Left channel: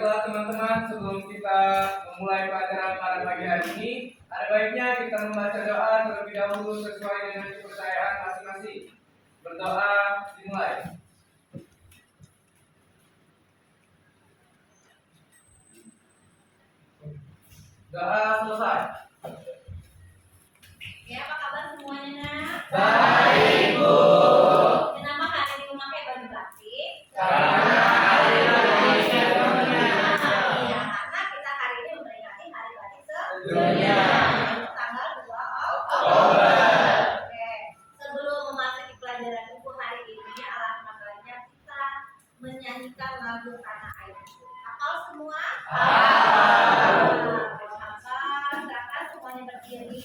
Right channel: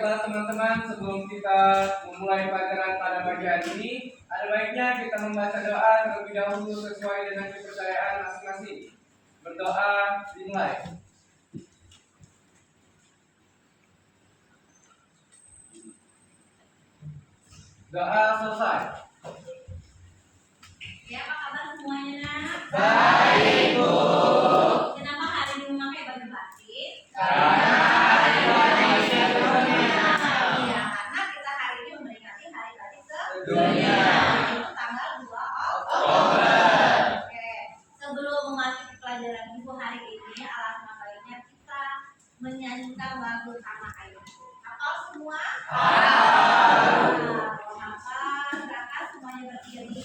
Baiklah teman-teman, sebelum kita memulai pelajaran pada pagi hari ini, ada baiknya kita membaca doa terlebih dahulu sesuai dengan kepercayaan masing-masing. Berdoa dimulai. Doa selesai. Ya, apa kabar semuanya, nak? Baik, Bu. Kenapa hari ini memakai baju batik? Karena hari batik sedunia. Iya, karena kita hari ini memperingati hari batik Sedunia. Itu tanggal 2 Oktober. Oke. Sebelum memasuki pelajaran ibu hari ini, alangkah baiknya kita menyanyikan lagu Tanah Airku. Hafal semua? Hafal. Silakan semuanya berdiri.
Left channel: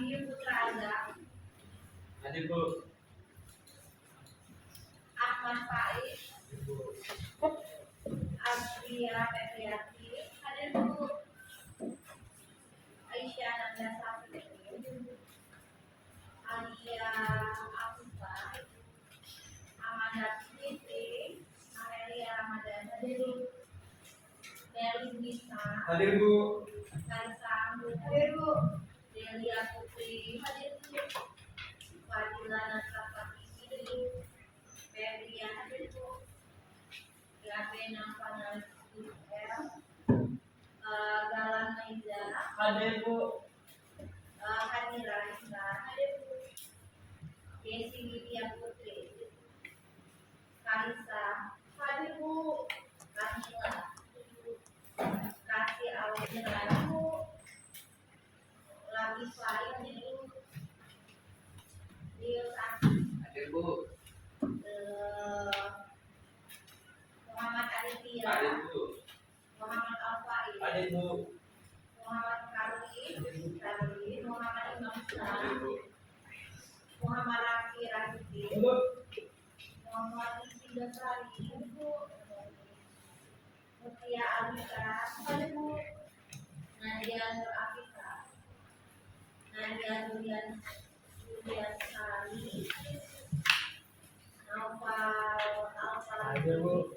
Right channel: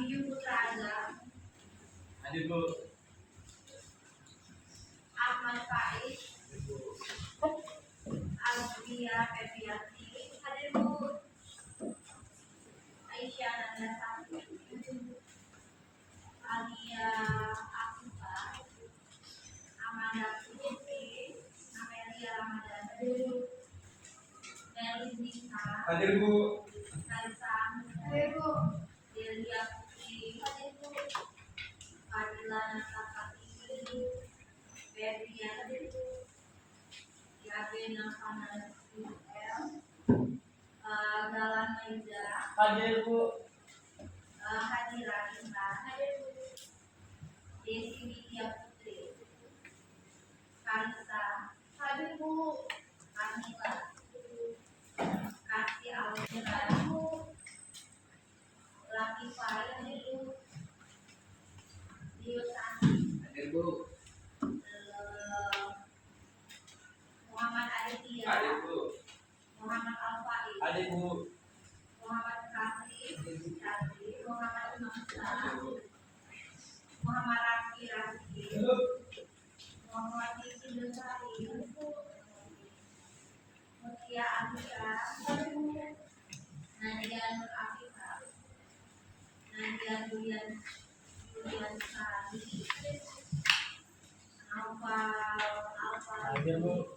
Abiyu Putra Azam, Hadir, Bu. Ahmad Amelia Febriati. Hadir Bu. Aisyah Nanda Sapri. Alia Afifah. Amanda Siti. Amelia Ramadan. Hadir Bu. Melis Nisa. Hadir Bu. Kaisang. Hadir Bu. Delia Putri. Hadir Bu. Fadila Nasapati. Hadir Bu. Febrian. Hadir Bu. Gabe Nafana L. Galan Maiza. Hadir Bu. Hadira Indra. Hadir Bu. Desi Widya Putri. Kalisa. Hadir Bu. Kamila. Kasih Alvira. Latifah. Hadir Bu. Dio Santi. Hadir Bu. Muhammad Aditya. Hadir Bu. Muhammad Alfaiz. Hadir Bu. Muhammad Karli. Muhammad Imam Hadir Shah. Bu. Muhammad Rafi Raziki. Bu. Muhammad Diki Dosari. Mutia Alika. Nadia Nur Afifah. Nadia Julian Sari. Hadir Bu.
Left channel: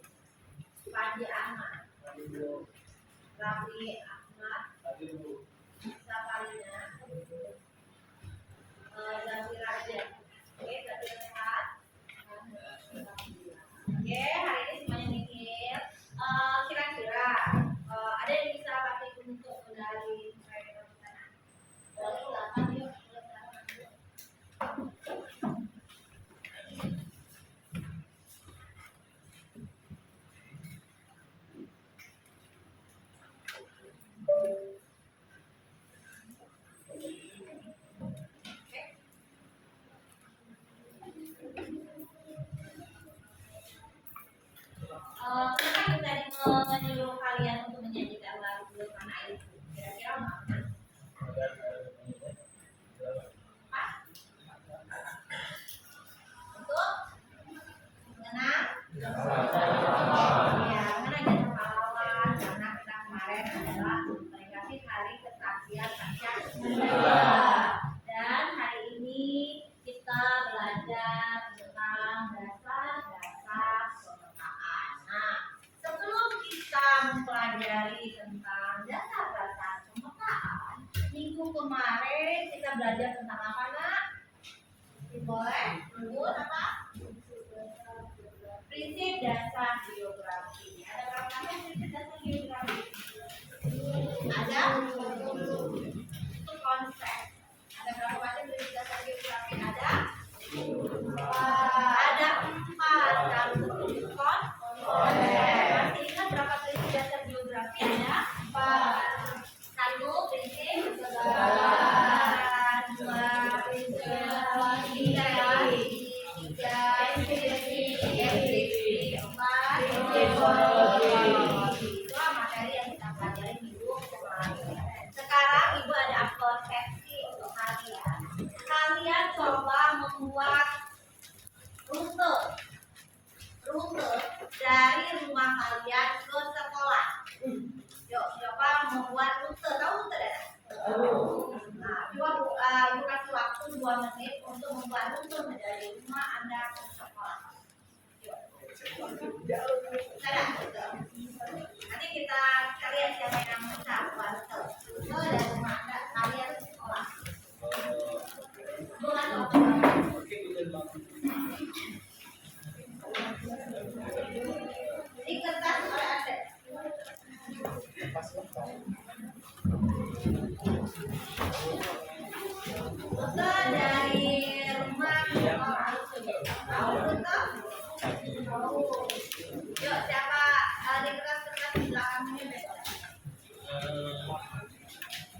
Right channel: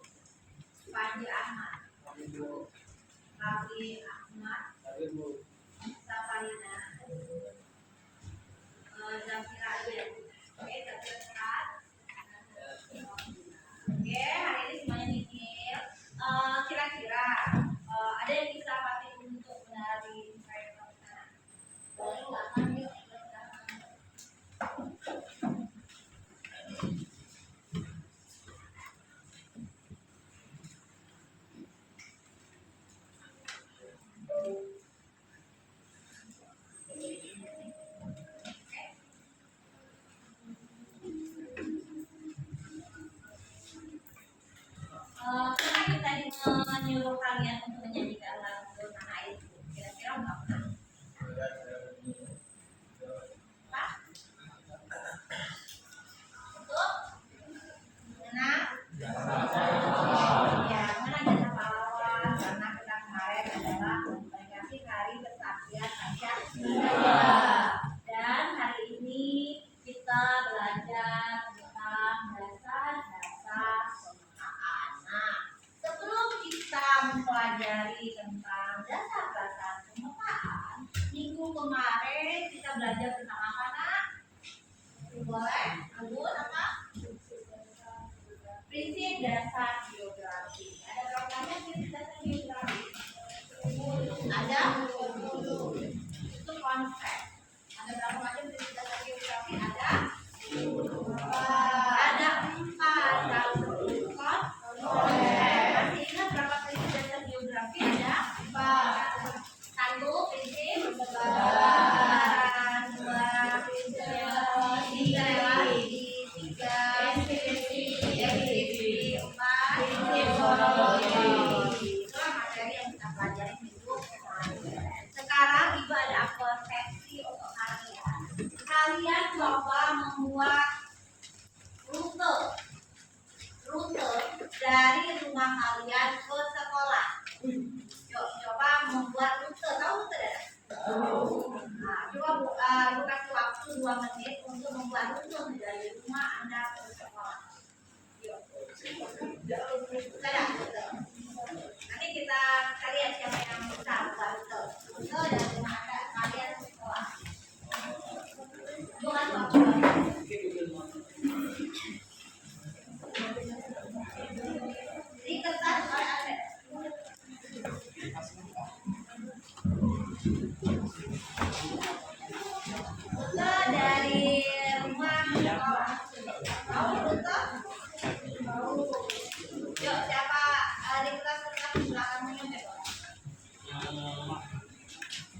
Panji Ahmad. Hadir Bu. Raffi Ahmad. Hadir Bu. Safarina. Zafira Aden. Oke, Zafira sehat. Oke, hari ini semuanya nihil. Kira-kira ada yang bisa pakai untuk menari proyek di sana? Boleh silakan yuk. Pernah kita menyuruh kalian untuk menyanyikan lagu Tanah Airku. Kira-kira mau apa? Apa? Untuk mengenang? Ya, mengenang jasa pahlawan karena kita kemarin adalah memperingati Hari Kesaktian Pancasila. Dan hari ini kita belajar tentang dasar-dasar kemerdekaan. Nah, sebelum kita mempelajari tentang dasar-dasar kemerdekaan, minggu kemarin kita belajar tentang apa, Nak? Boleh? Lanjut apa? Prinsip dasar geografi. Ada berapa banyak prinsip dasar geografi? Ada 20. Itu konsep. Ada berapa macam prinsip dasar geografi? Ada 4. Satu konsep. Masih ingat berapa prinsip dasar geografi? Ada 4. Satu prinsip kesetaraan, 2 prinsip relasi, 3 prinsip equity, 4 prinsip ekologi. Itulah materi yang kita pelajari minggu kemarin. Sekarang Ibu ada persepsi untuk kalian. Kalian coba membuat rute dari rumah kalian ke sekolah. Yuk, coba membuat rute. Tahu rute tidak? Nah, coba Bu kasih waktu 2 menit untuk membuat rute dari rumah Anda ke sekolah. Yuk. Bisa nggak? Nanti kita lihat siapa yang bisa buat rute dari rumah Anda kalian ke sekolah. Bu kasih waktu. Jadi kertas oleh Anda. Rute dari rumah ke sekolah. Tahu rute? Yuk, siapa di kertas di belakangnya boleh?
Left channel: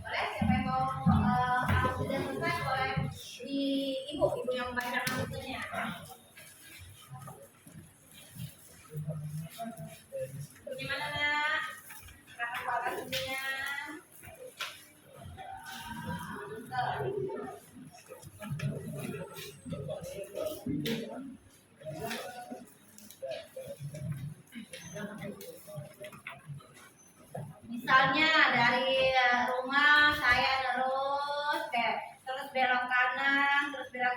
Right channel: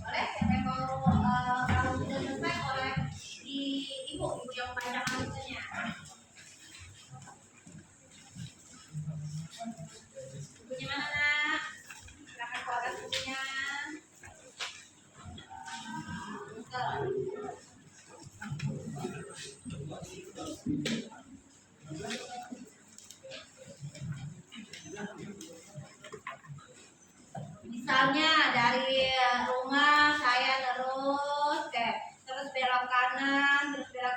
Boleh? Siapa yang mau kalau sudah selesai boleh di ibu yang membacakan rutenya. Bukunya mana, Nak? Silakan keluarkan bukunya.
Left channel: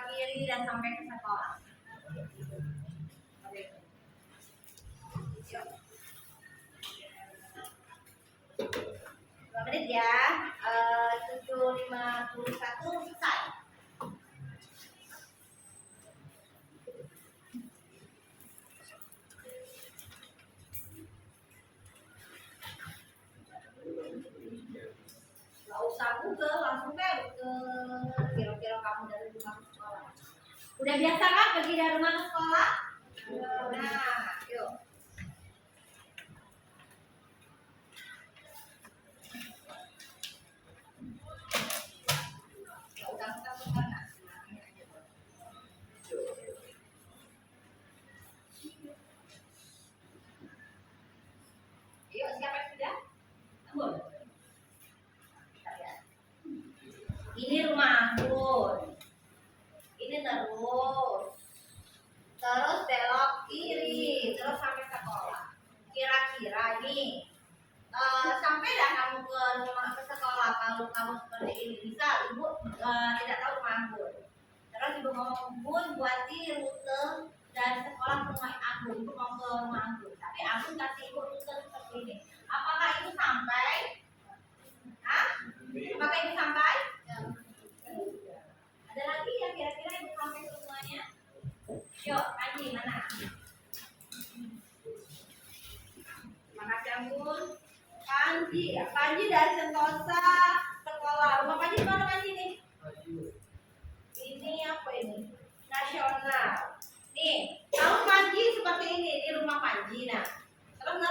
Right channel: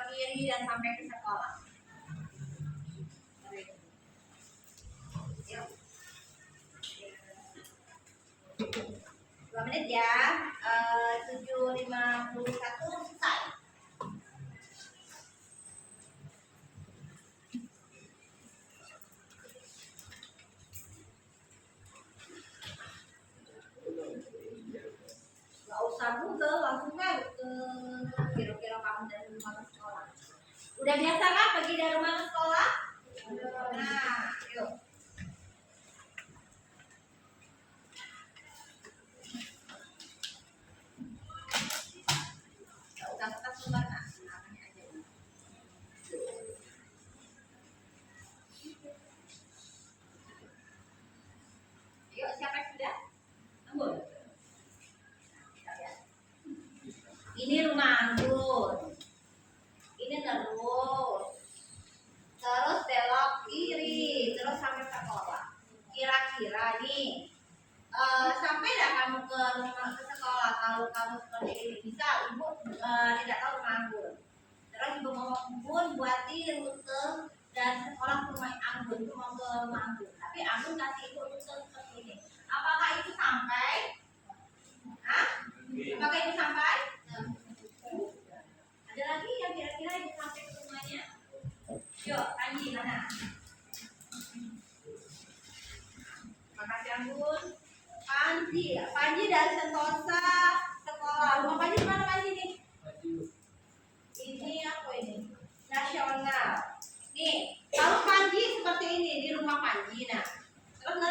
kiri dan sampai ke sekolah. Yuk. 2 menit ya. 7.51 selesai. Gak usah Google, langsung aja ke kira-kira kamu dari rumah ke sekolah. Udah biasa kan pergi dari rumah ke sekolah? Nah, yuk. Gak usah kita sumber nah, namanya aja. Yuk, siapa yang sudah? Anggun. Kita lihat. Ini rumah Anggun. Ini terus belok kiri, terus sampai sekolah. Kira-kira nih, sampai dah kamu ke rumah ke sekolah kalau kamu seperti ini bisa ibu tidak tahu rumah Anggun. Terus ibu ngomong Bun buatin rute dari sekolah ke rumah Anggun, ibu mau ke rumah Anggun. Tapi Anggun kasih ibu rute seperti ini. Apakah itu sampai? Hah? Apakah itu sampai? Ada lagi yang kira-kira ibu sampai ke rumahnya? Yuk, Panji mana? Terima kasih Anggun. Panji dari Sentosa sekolah. Rumah Panji di mana Panji nih? Ini apa ini? Nasional. Nih, kalau Panji seperti ini di rumah Panji, nah terus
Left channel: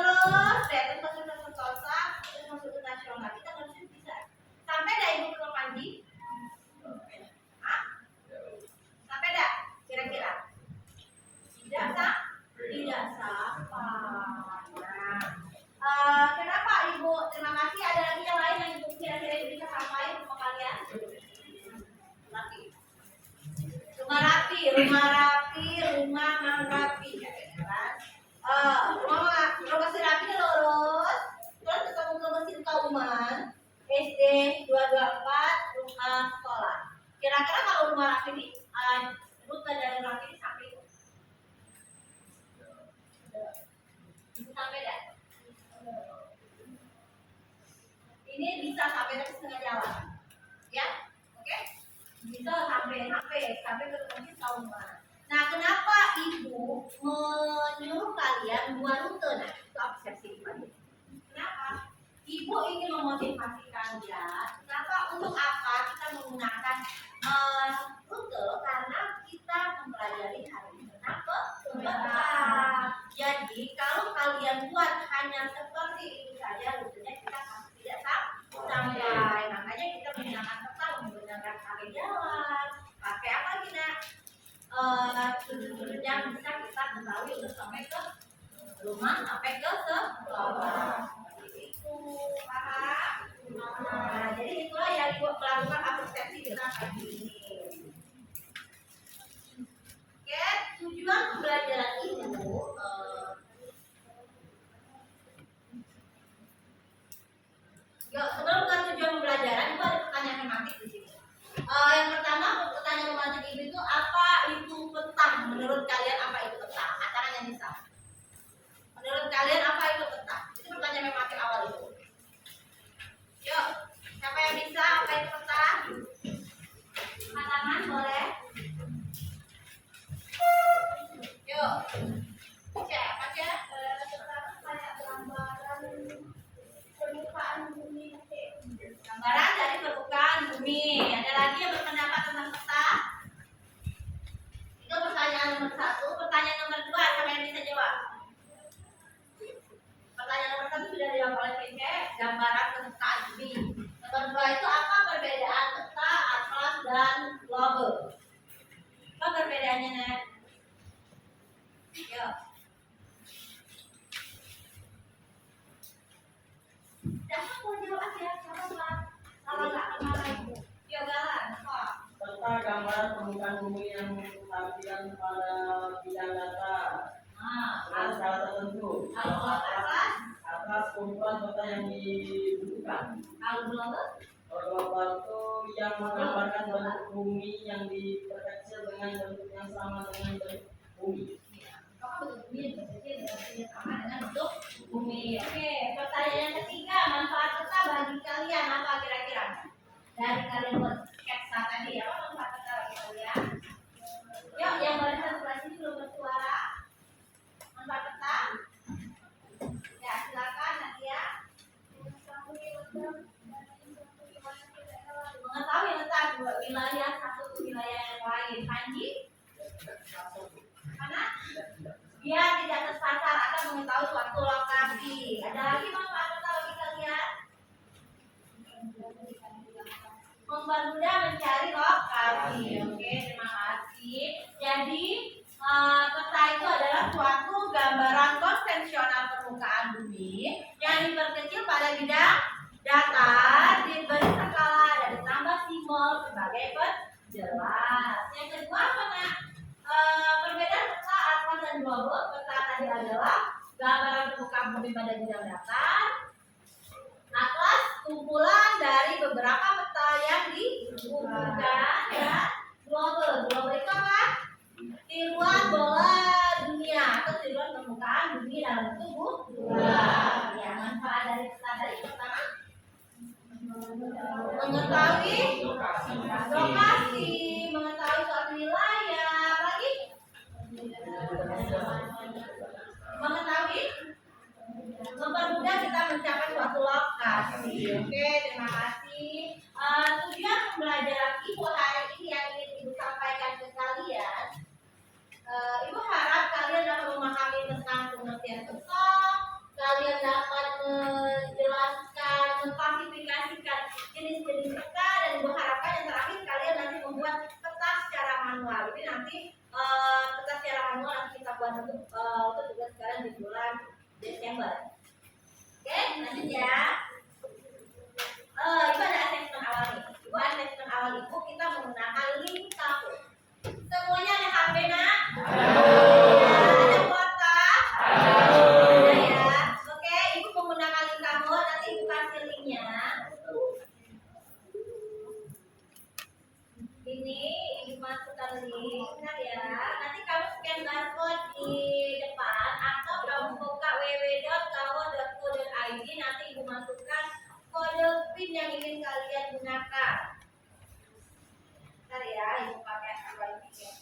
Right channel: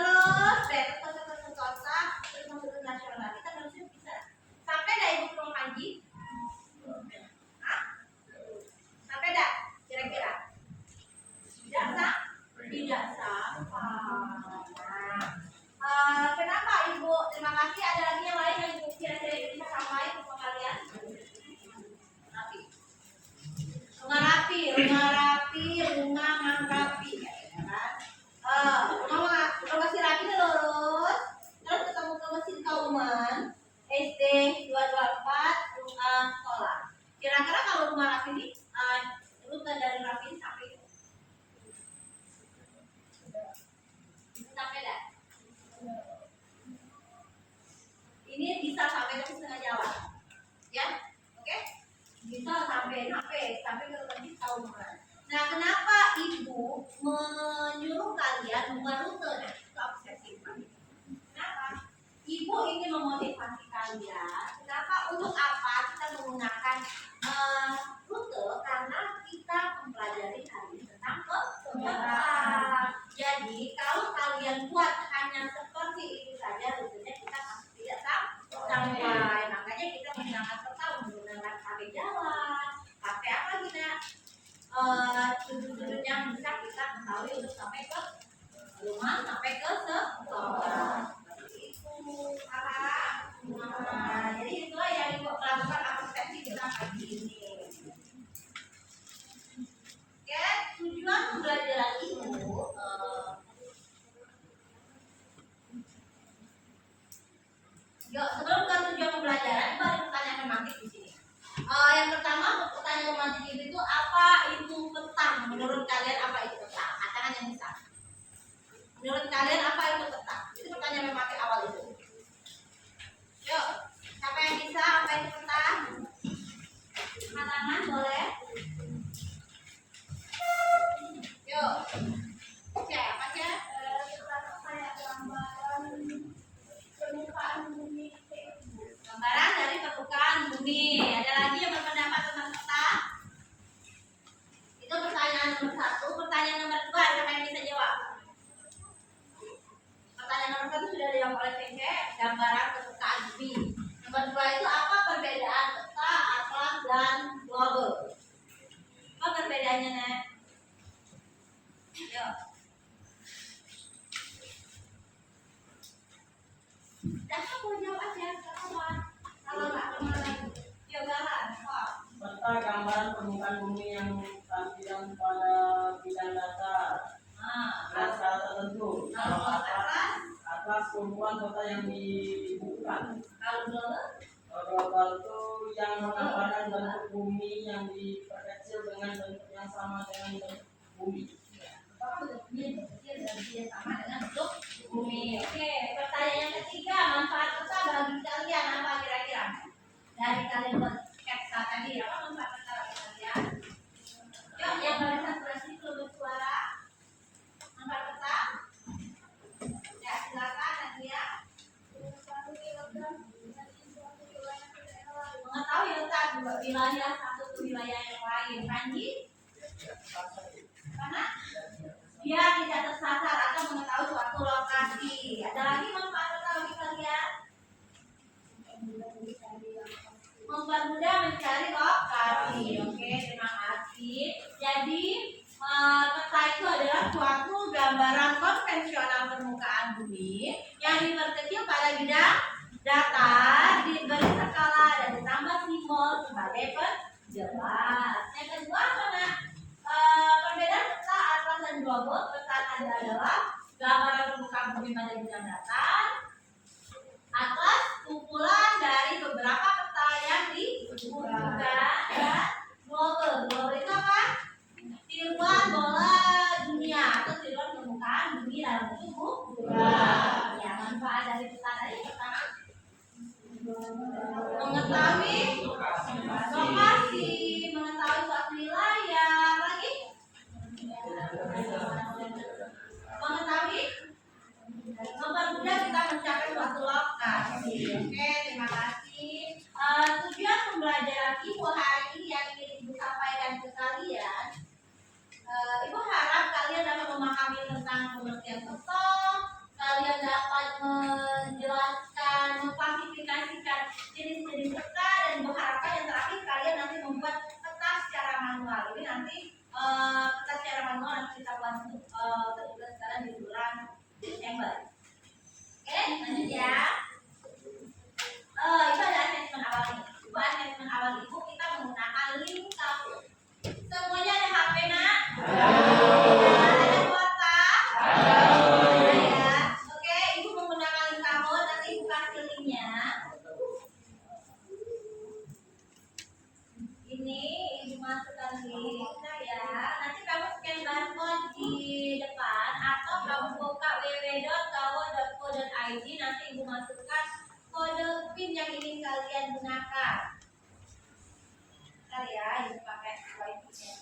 terus ke Sentosa, terus masuk ke nasional. Kita harusnya bisa. Sampai dah ibu ke rumah Panji? Hah? Sampai dah? Kira-kira? Tidak sampai. Nah, kenapa ibu? Terima kasih. Ada lagi yang lain yang ibu kira-kira bisa sampai ke rumah kalian? Rumah rapi, kan? Rumah si rapi itu lurus, terus ketemu ke mesin Kauman, SD 224, rumah sekolah. Kira-kira kalau rumah rapi ini, rute dari rapi ini sampai itu? Sampai dah? Ini bisa sampai ke setengah jalan, ya? Oke? Bisa sampai ke mesin Kauman. Nah, kenapa ibu menyuruh kalian buat rute? Nah, itu obsesif. Kenapa? Ibu ingin memotivasi kalian. Kenapa? Untuk apa kita menggunakan rute? Karena kita mempelajari hari ini tentang kebenaran. Jadi, kalau kalian buat hanya seperti itu saja, rutenya kita pasti tidak sampai. Makanya kita menggunakan peta menggunakan pakai jalan, pakai apa kita? Sudut-sudut yang bisa kita ketahui untuk sampai ke rumah, sampai ke sekolah. Seperti itu, paham? Nah, jadi itulah yang ibu melakukan persepsi kita pagi ini. Oke, tujuan pembelajaran ibu. Yuk, sebelum ke tujuan pembelajaran, ibu ada pertanyaan tematik di sini. Yang pertama, pertanyaan tematik itu apa itu peta? Menurut kalian apa itu peta? Katakan yang bisa. Menurut kalian apa itu peta? Itu pertanyaan tematik awal itu. Yuk, siapa yang bisa apa itu peta? Katakan boleh. Yuk, cek apa cek? Kayak gambaran permukaan bumi. Gambaran dari permukaan bumi. Ada lagi yang berpendapat tentang peta? Itu pertanyaan nomor 1. Pertanyaan nomor 2, siapa yang bisa jawab? Pertanyaan nomor 1 sudah dijawab oleh Cece, gambaran permukaan bumi. Nomor 2 itu apa perbedaan peta, atlas, dan globe? Apa perbedaannya, Nek? Yuk. Dah, aku jawab aja, apa? Kalau nggak kemarin, yuk Galan, kok. Serta gambaran permukaan bumi yang tampilan pada bidang datar dengan syarat tertentu. Kalau atlas, Atas kumpulan peta yang dibutuhkan. kalau globe, Batu yang menggambarkan bentuk bumi yang diperkecil dengan bentuk yang sama dengan bentuk bumi. Apakah bentuk bumi yang berkecil dan bentuknya sama dengan bentuk bumi? Oke, pertanyaan yang ketiga, manfaat peta bagi kalian apa kira-kira? Dari kalian buat sketsa tadi, apa manfaat peta bagi kalian? Yuk, yang barisan sebelah sini belum bersuara. Manfaat peta? Ya, silakan Nadia. Mengetahui letak dua wilayah satu ke wilayah yang lain. Panji? Mana? Biar tidak tersasar atau mengetahui suatu lokasi. Ada lagi manfaat peta bagi kalian? Mempermudah mencari lokasi. Oke, terima kasih. Jadi peta itu adalah suatu gambaran konvensional permukaan bumi yang diperkecil pada bidang datar, diberi skala dan ditambah simbol sebagai penjelas. Yang kedua apa nak? Perbedaan peta atlas dan globus. Peta tadi adalah gambaran permukaan bumi pada bidang datar. Atlas kumpulan dari beberapa peta yang dikumpulkan dan global. Global itu apa? Tiruan bola dunia atau tiruan permukaan bumi dalam tubuh bulan. Ya, manfaat dari peta tadi pertama mengetahui lokasi, mengetahui suatu wilayah, lagi mengetahui mempermudah kita mencapai suatu lokasi. Oke, terima kasih. Tujuan pembelajaran Ibu hari ini yang ingin Ibu sampaikan ke kalian, Ibu harap kalian dapat memahami tentang pengertian peta, kalian dapat menjelaskan, mengklasifikasikan jenis-jenis peta, dan Ibu harapkan yang terakhir kalian nanti membuat peta secara manual. Ini nanti peta secara manual nanti kita buat untuk tugas kalian di bulan Desember. Oke, lanjut ya. Itu ada asesmen awal nih. Ibu asesmen awal Ibu kita menggunakan link kapur. Semuanya ada HP nak? Ada kuota? Ada ya. Oke, Ibu menggunakan link kapur. Nanti Ibu kasih linknya. Ini Ibu masukkan link, nah ya. Nanti kamu scan barcode di depan atau kamu buka www.kawo.co.id. Nanti Ibu masukkan kode PIN yang ingin kalian gunakan. Ntar ya, Ibu pakai wifi ya.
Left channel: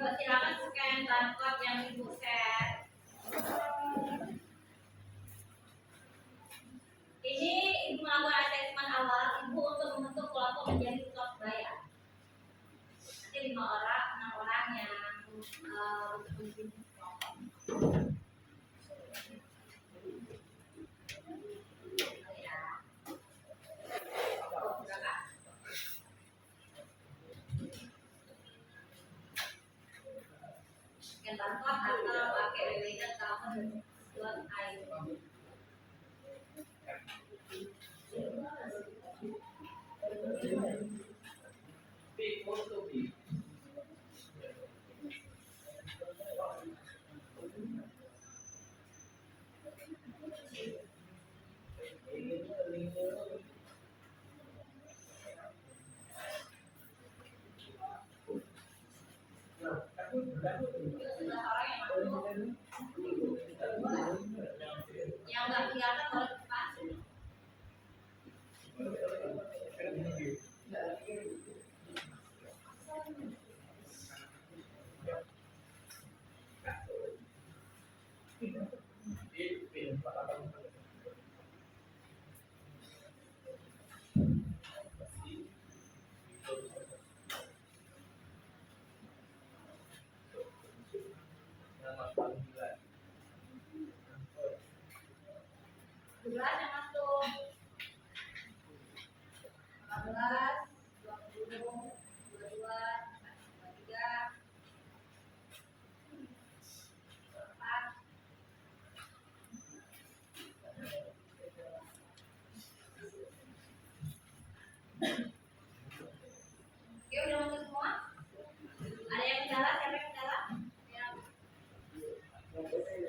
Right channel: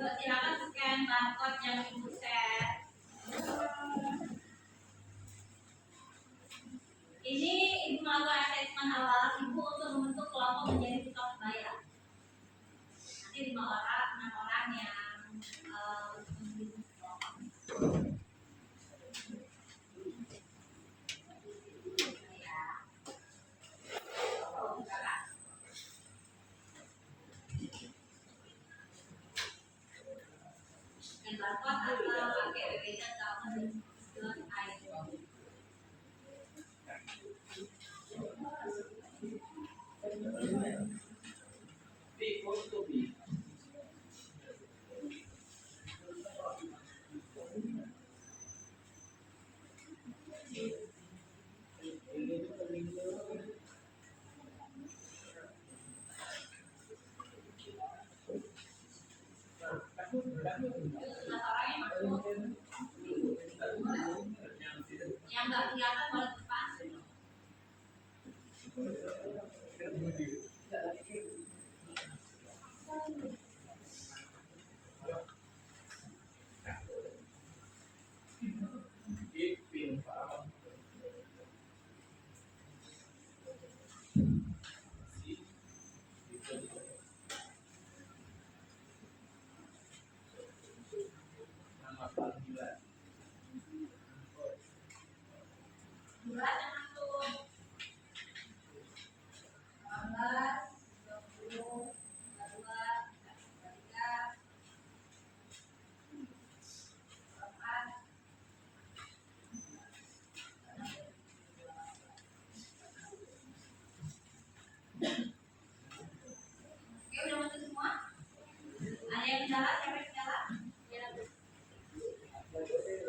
Yuk silakan scan barcode yang ibu share. Ini ibu melakukan assessment awal ibu untuk membentuk kelompok menjadi top buyer. Nanti 5 orang, 6 orang yang untuk memimpin kelompok. Ya. Oh, silakan. Scan barcode atau pakai www.government.id. Big photo big. Yuk sebelah orang yang masuk. Yang nggak kelihatan boleh cepat. Nama panggilan. 12 yang masuk. 18, 20, 22, 23, 24. Oke, udah masuk semua? Ada yang kendala? Siapa yang kendala? Yang OTW.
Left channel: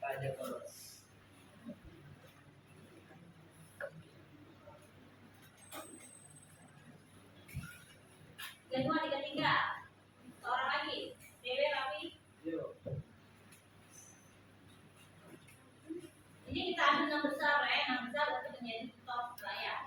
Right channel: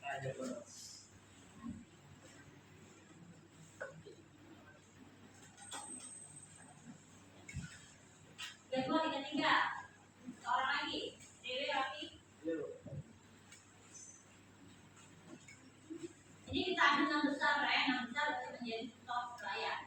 Tanya terus. Yang dua, tiga, tiga. Seorang lagi. Dewi, Rafi. Yuk. Ini kita ambil 6 besar ya. 6 besar berarti menjadi top buyer.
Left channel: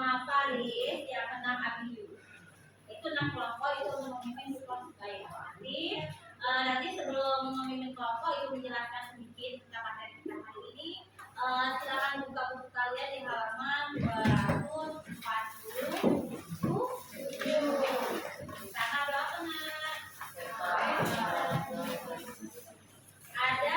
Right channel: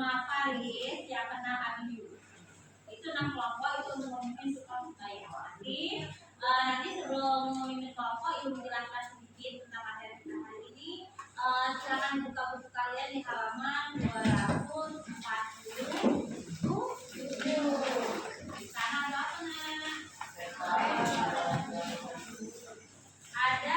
Faris, yang keenam Abiyu. Itu 6 kelompok itu untuk memimpin kelompok saya. Nanti sebelum memimpin kelompok ibu menjelaskan sedikit tentang materi kita hari ini. Silakan buka buku kalian di halaman 247. Di sana ada apa nak? Ada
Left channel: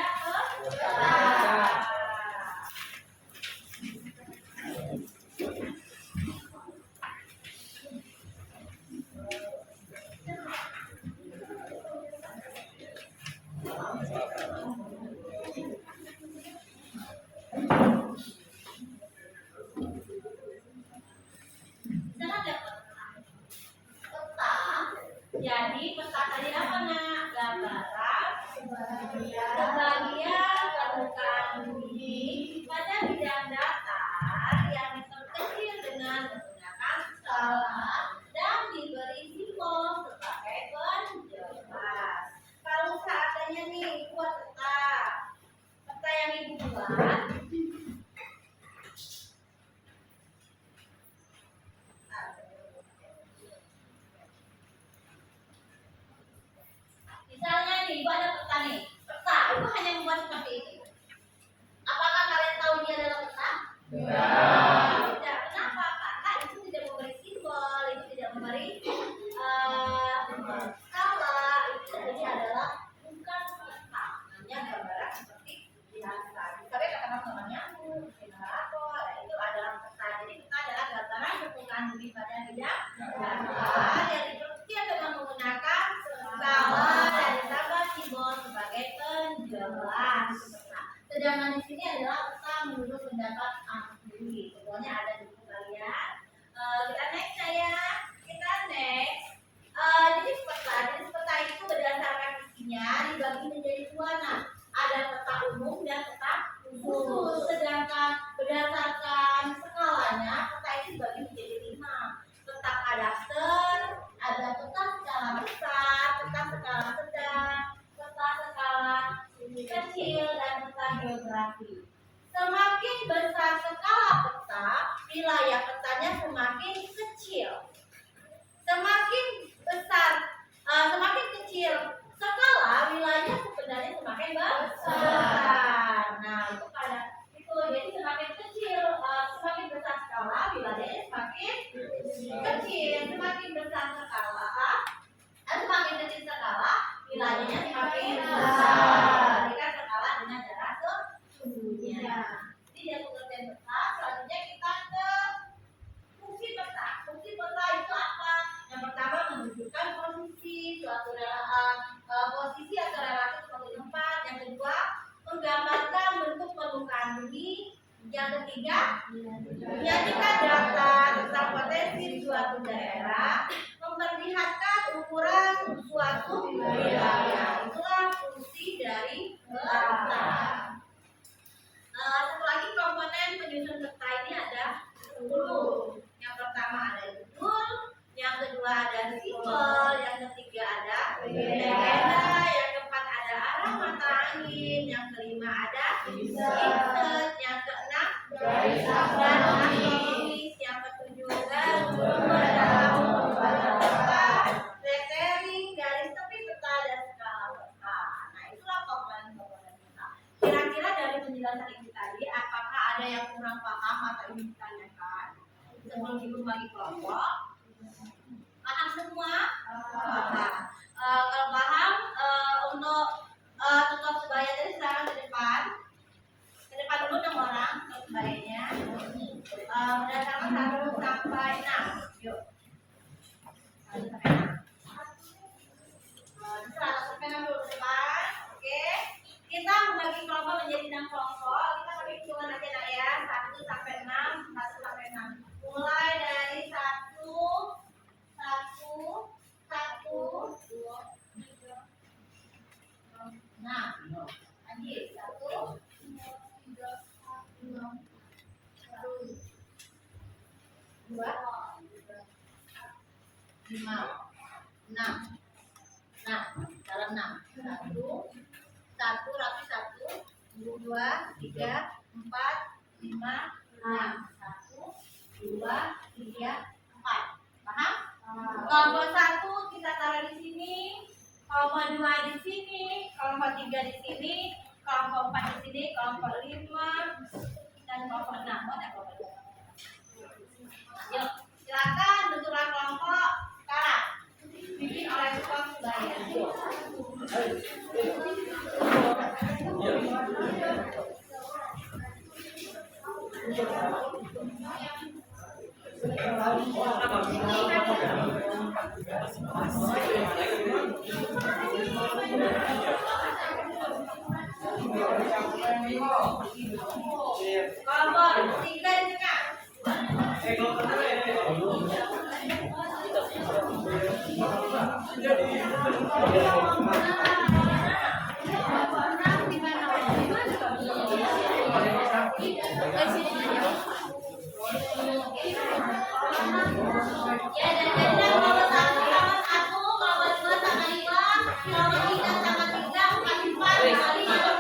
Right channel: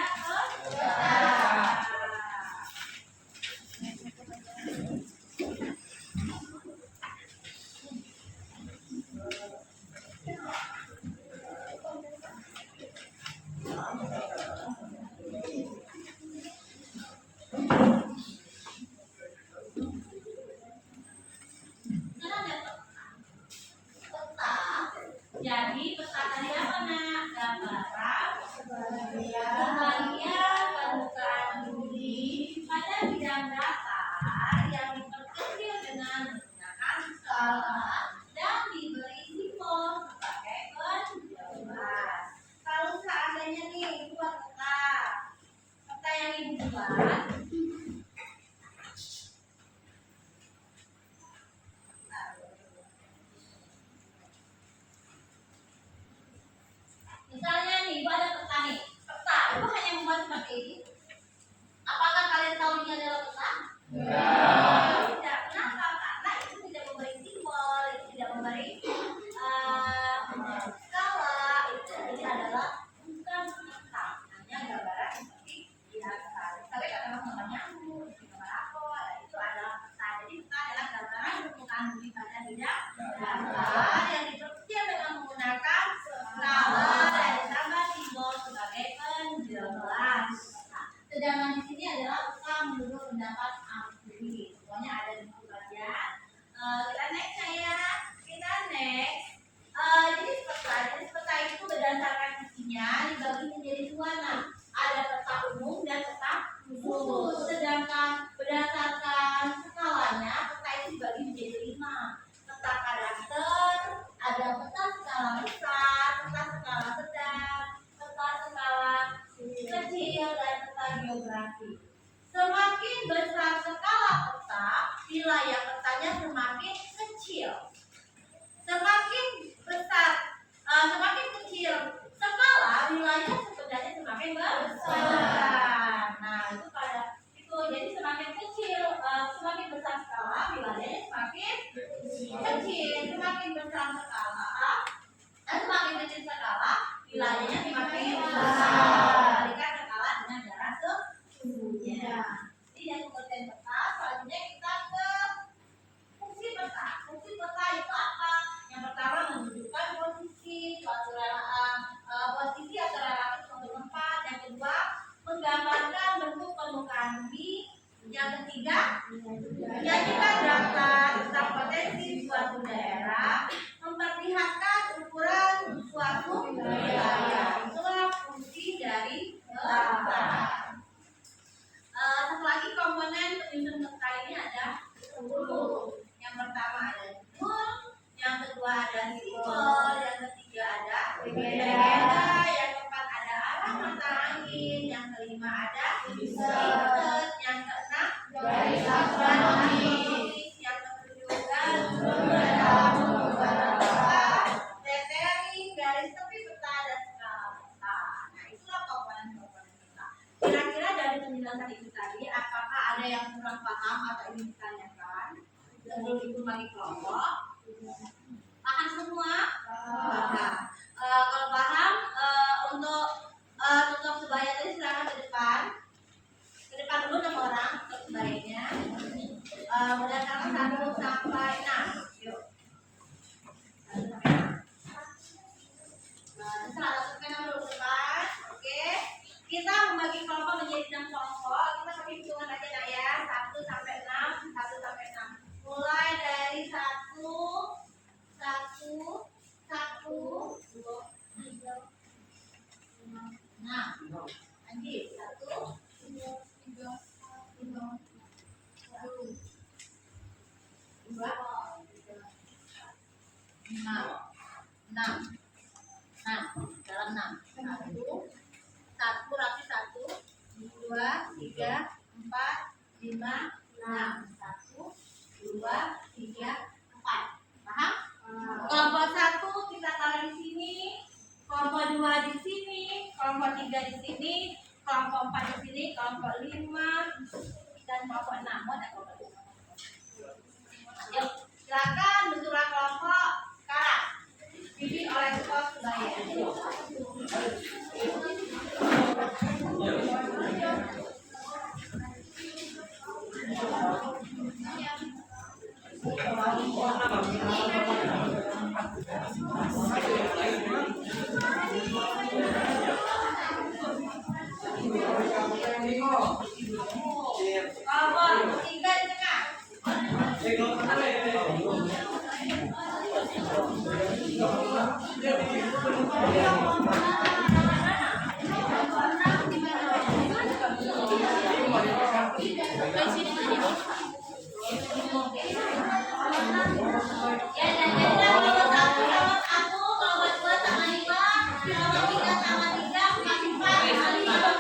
jadi peta tadi apa nak? Gambaran kebagian permukaan bumi pada bidang datar yang diperkecil dengan menggunakan skala dan diberi simbol sebagai penjelas. Kalau seandainya nih buat peta yang ibu buat. Misalnya nih, ibu ada peta nih. Peta, ibu hanya membuat seperti ini. Apakah kalian tahu ini adalah peta? Tidak. Kenapa? Karena itu tidak memberi simbol, itu tidak memberi skala. Itu jadi adalah bukan peta. Hanya gambaran seperti biasa. Misalnya katakan nomor nyamuk, nomor rapor, itu adalah peta. Jadi peta adalah gambaran permukaan bumi pada bidang datar yang diperkecil dengan menggunakan skala dan ditambah simbol sebagai penjelas. Sedangkan di sini adalah peta menurut pendapat ahli. Semuanya ada di buku kalian. Kita next saya. Kita next. Jadi peta itu berdasarkan isinya dibagi menjadi dua. Nah, ada peta umum dan peta khusus. Sedangkan berdasarkan skalanya peta itu dibagi menjadi 5. Peta kadaster, ada peta skala besar, peta skala sedang, peta skala kecil, dan peta geografi. Semakin besar skala peta, wilayah petanya semakin kecil. Semakin kecil skala, wilayahnya sebenarnya semakin besar. Nah, itu jadi semakin kecil, semakin besar skala, wilayahnya semakin kecil. Semakin besar skala, semakin kecil skala, wilayahnya semakin besar. Jika skala dengan jarak sesungguhnya. Jadi dari pengertian peta, selanjutnya kita ke fungsi peta. Fungsi peta itu apa? Yang pertama menunjukkan posisi atau relasi suatu tempat. Yang kedua, menggambarkan bentuk permukaan bumi. Yang ketiga, menyajikan data tentang potensi suatu daerah, memperlihatkan ukuran suatu wilayah. Itulah fungsi dari peta. Satu lagi komponen penyusun peta ini ada 10. Yang pertama ada judul, yang kedua ada simbol, yang ketiga ada legenda, yang keempat ada arah mata angin, yang kelima ada insert, yang keenam garis akronis, yang ketujuh gambar dalam peta, lettering, garis tepi peta, dan skala peta. Nah, itulah komponen-komponen peta. Kira-kira dari penjelasan ibu tadi, apakah ada yang kurang paham atau ingin ditanyakan sebelum ibu bagi kelompok? Paham semua? Paham. Kalau paham, untuk tutup sebaya tadi silakan ke depan. Ke depan dulu 6 orang tutup sebayanya. Berdasarkan 1 sampai 6. Yuk. 1 sampai 6. Terserah 1 sampai 6 dulu ke depan. Oke. Kita membagi kelompok menjadi 6 kelompok. Kita pakai hitungan aja nak ya. 1 sampai 6, 1 sampai 6. Mulai dari 1, 2, 3, 6. Lanjut. 1, 2, 3, 4, 5, 6. Dalam 6. 1 rapi 1, 2, 3, 4, 5, 6. 1, 2, 3, dia 4. Paham? Kelompok 1 kita taruh di sini, kelompok 2 di sini, kelompok 3 di sini, kelompok 4 di sini, kelompok 5 dan kelompok 6. Mau ada kelompok 5? Yuk, silakan bentuklah kelompok sekarang. Dipimpin oleh Kos Bayar. Kelompok 3 di tengah. Ya, dan kelompok 1 sama 1, kelompok 2 sama 5, kelompok 3 sama 3, kelompok 4 sama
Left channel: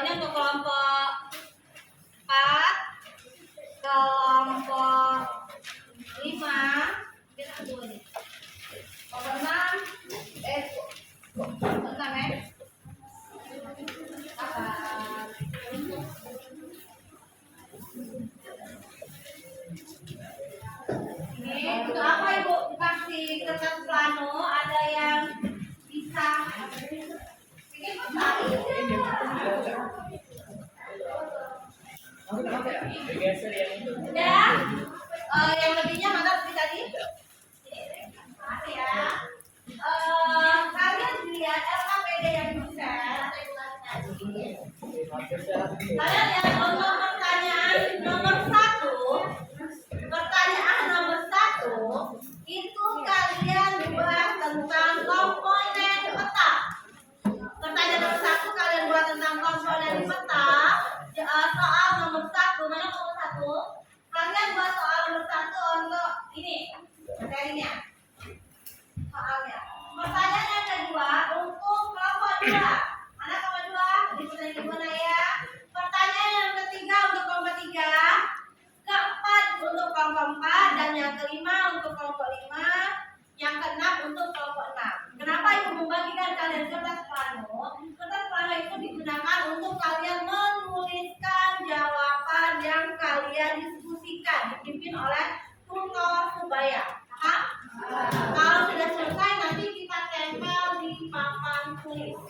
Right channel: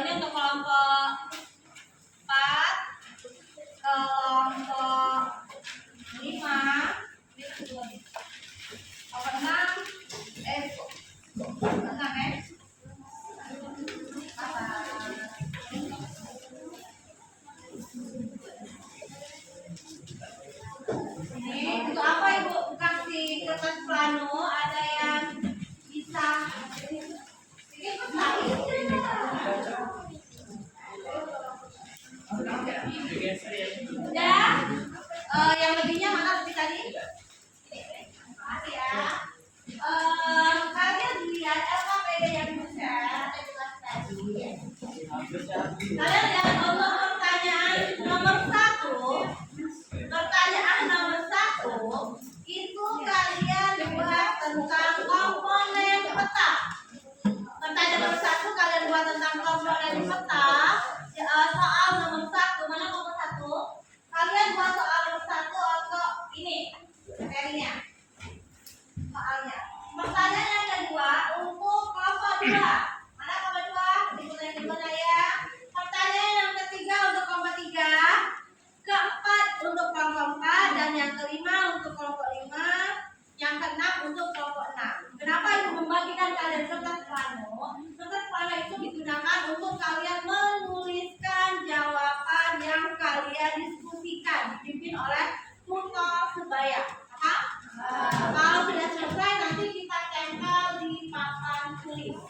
ini untuk kelompok 4, kelompok 5, kelompok 6, 6 ya. Ini untuk apa Ibu kasih kertas plano? Ada yang bisa bikin peta? Dan yang lebihnya mana lebih tadi? Makasih ya. Kalian lihat LKPD yang di-share atau tugas tadi. Kalian lihat untuk pertanyaan nomor 1 Surabaya. Paham? Kalau sudah selesai nanti kita tempel di papan tulis.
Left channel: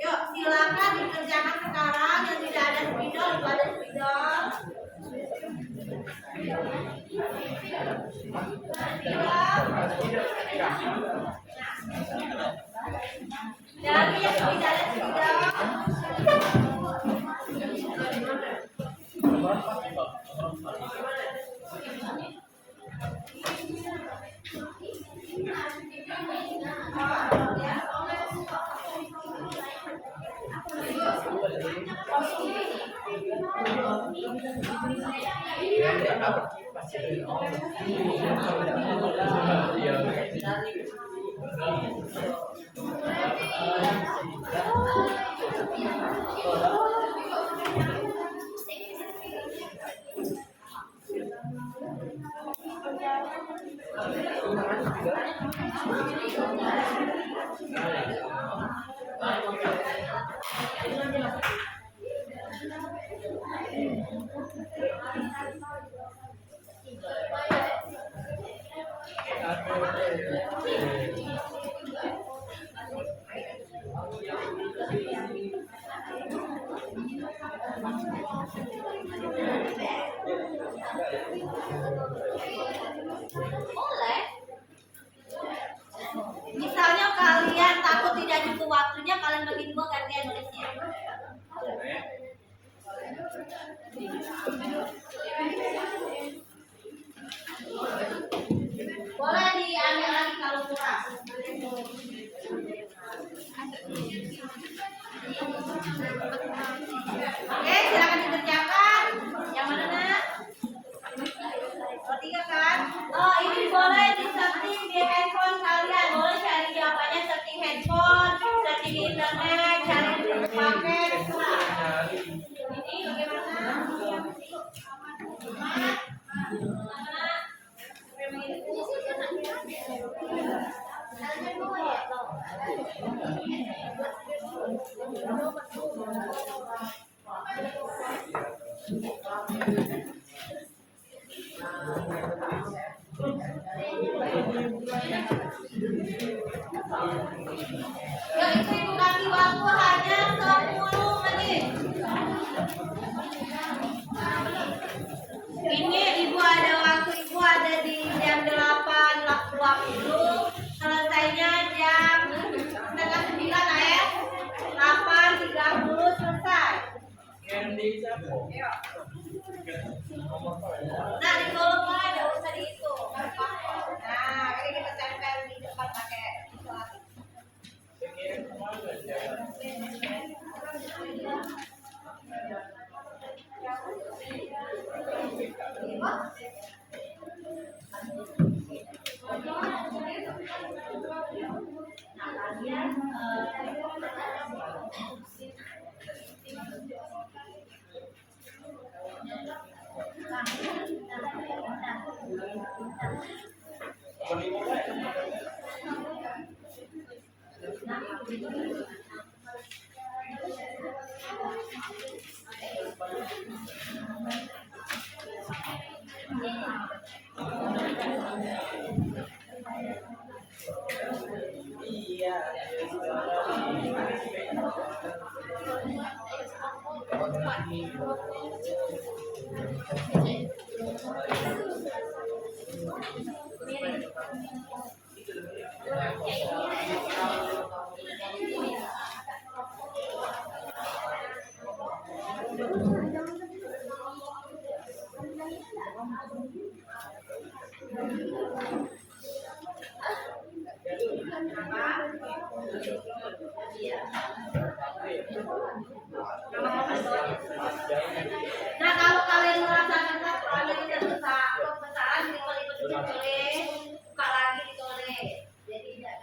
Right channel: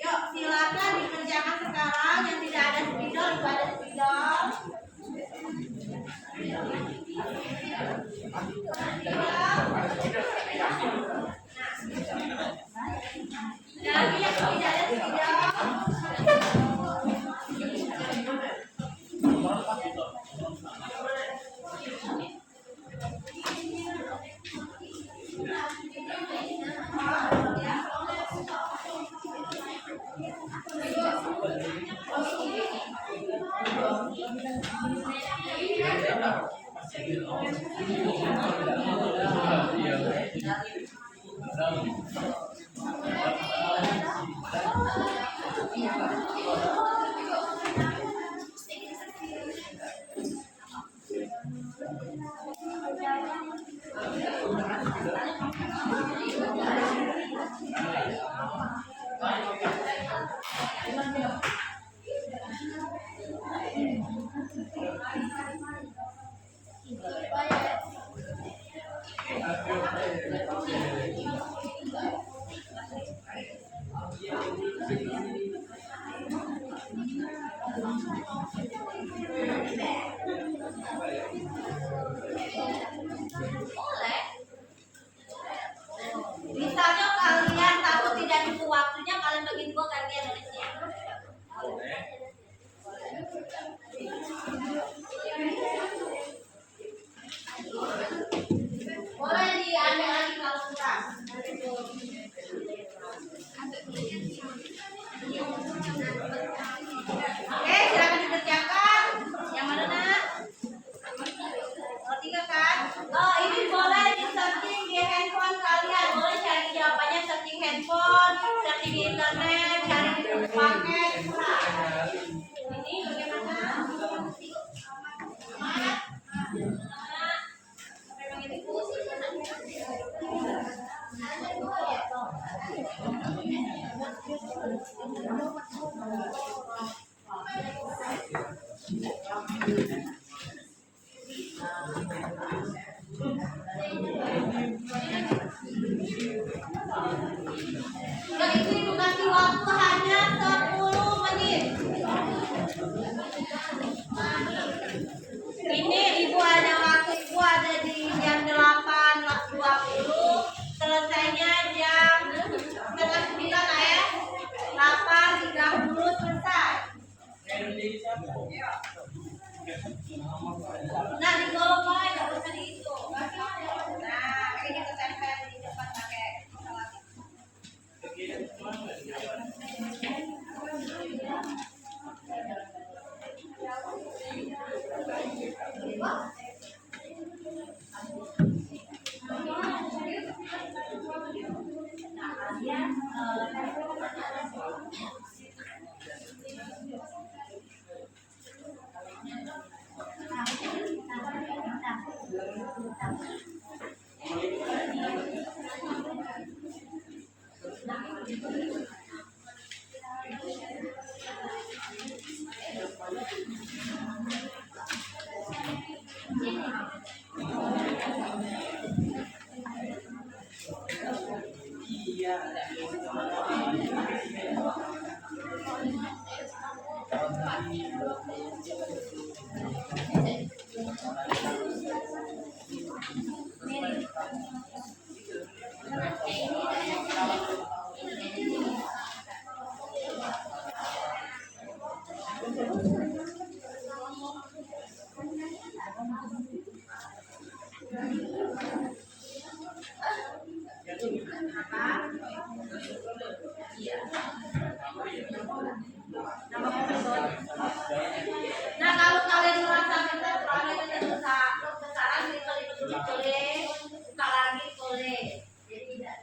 Yuk, silakan dikerjakan sekarang. Yang tidak ada spidol, itu ada spidol. Dan yang tidak ada spidol. Boleh. Misalnya kalian takut tidak cukup waktunya, kalian bagi dua gantian nulisnya. Boleh diambil lagi kalau kurang. Oke, silakan dikerjakan. Yang mana nak? Oh, 3 kan? Oh, ini boleh di-searching di handphone kalian. Boleh cari jawabannya, searching handphone, searching di internet, cari di paket, terserah. Ini bagaimana? Nah, itu ibu kasih waktu hanya 10 menit. Ini ibu ada waktu, ibu ada di jam 8.20, selesainya jam setengah 9 ya. 8.30 selesai. Nah, di kolom lain nggak usah dihitung. Nah, ini kita tempel di depan pakai instalasi. Nah, kalau kalian merasa benar, kalau kalian kebesaran, ditulis buka lagi ditulis. Jadi tidak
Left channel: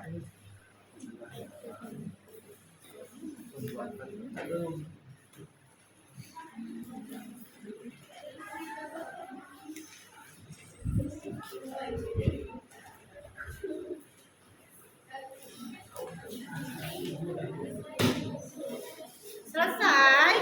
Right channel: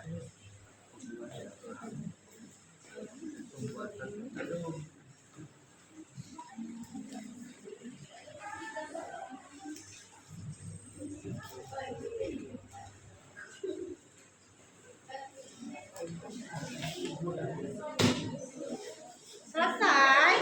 Selesai? Belum? Selesai?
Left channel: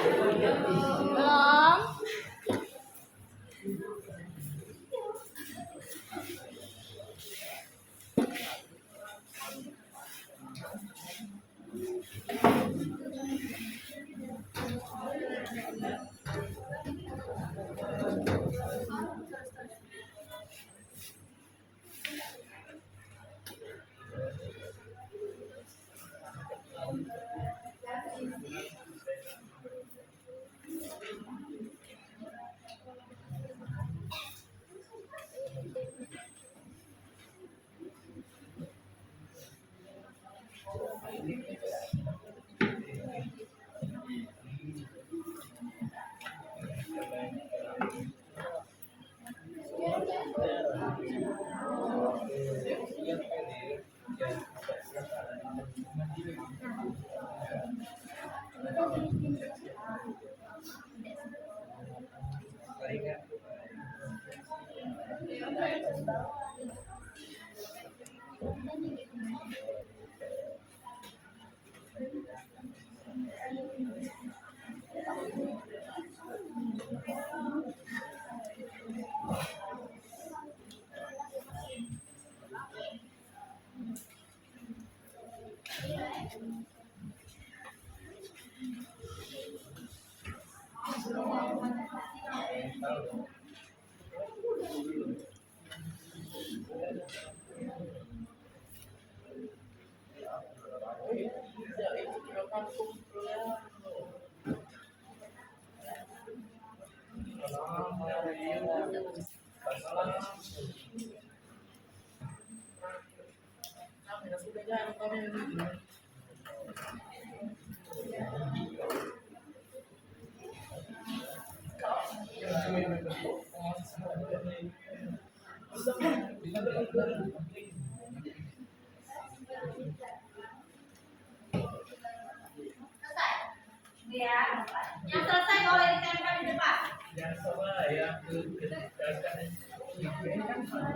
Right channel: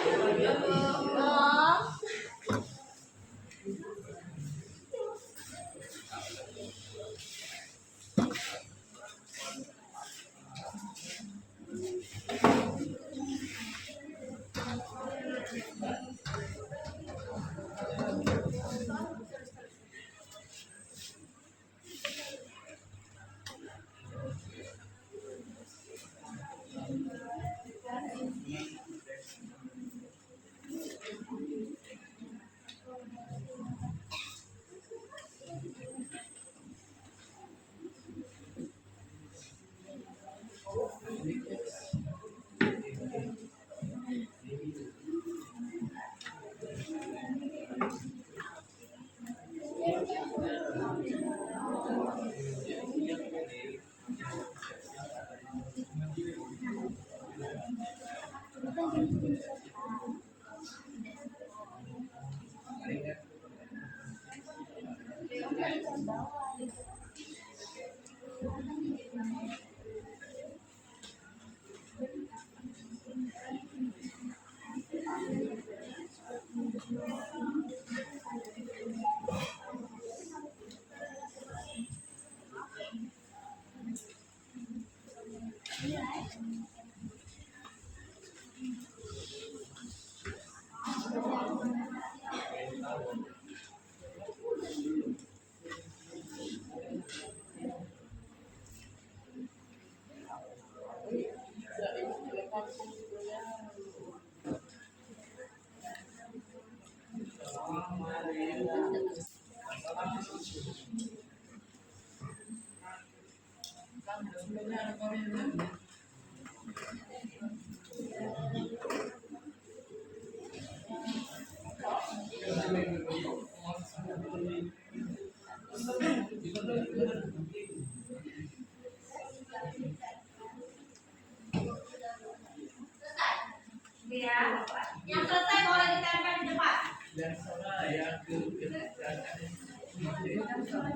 Ya. Yang selesai boleh ditempel di depan.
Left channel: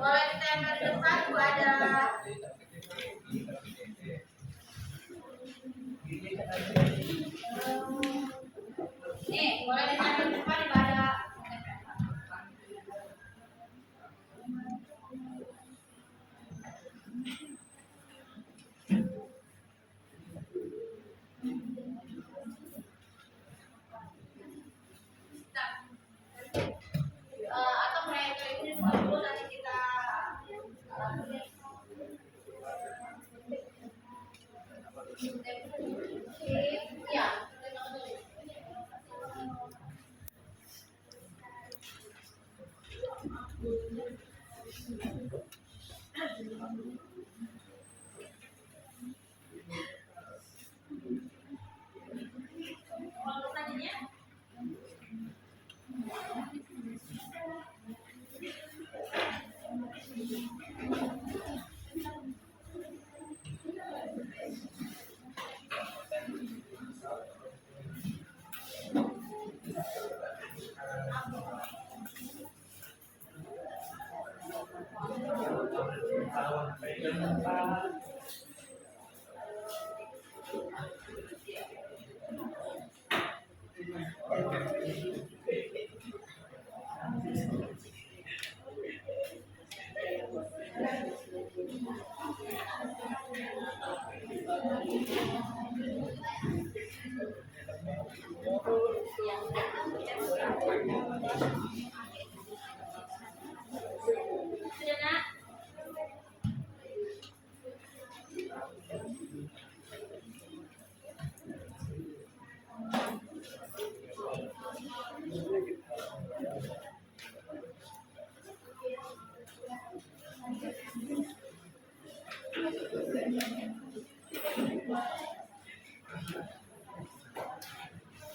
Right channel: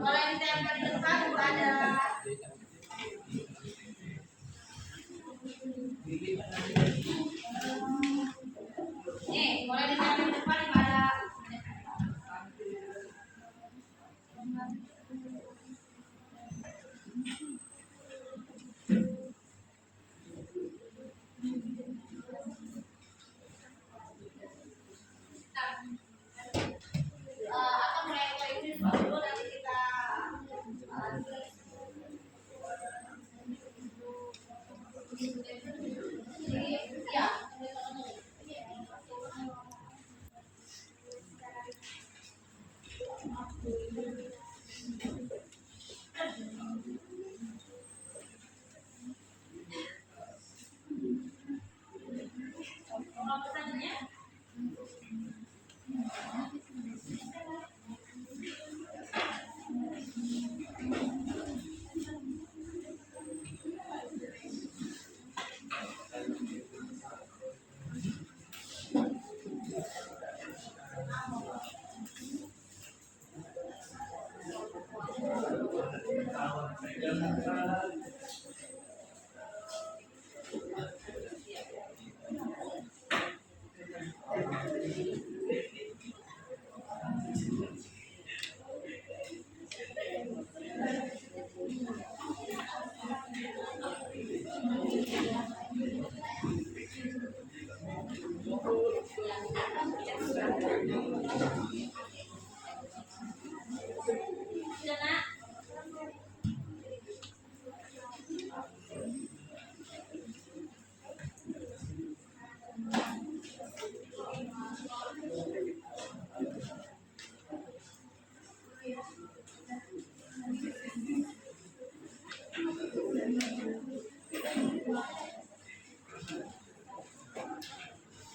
Boleh ditempel di depan, Bu ada. Nih, boleh ditempel di depan, Ibu ada. Atau mulai dari ini dulu nanti kita ya. Mau pesannya? Sudah nak?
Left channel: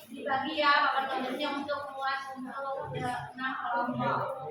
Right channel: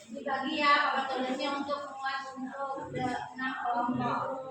Dibagi ya papan tulisnya untuk muat untuk 6 kelompok.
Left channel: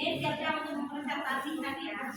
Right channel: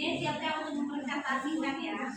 Ini siap-siap untuk mempresentasikan ya.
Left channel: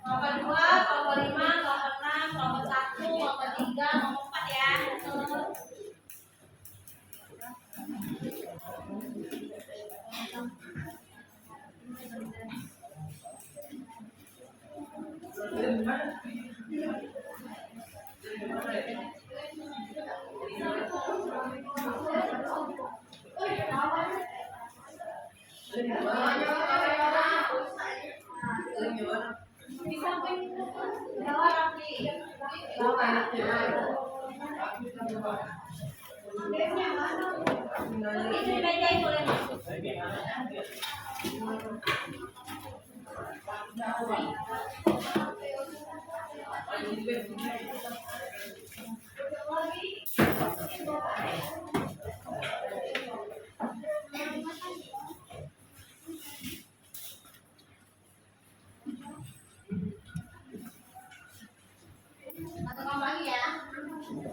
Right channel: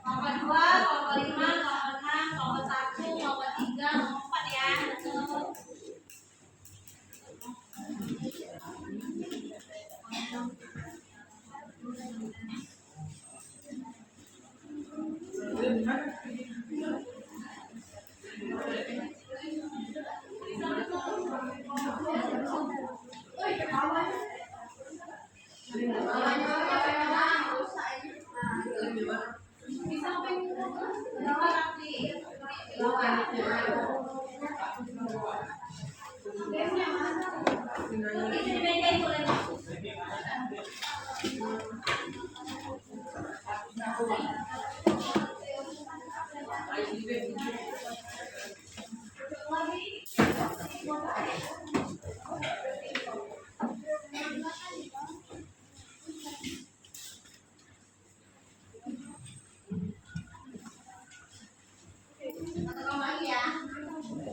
Kelompok 2, kelompok 5, kelompok 6, kelompok 1, kelompok 3, kelompok 4 ya. Betul.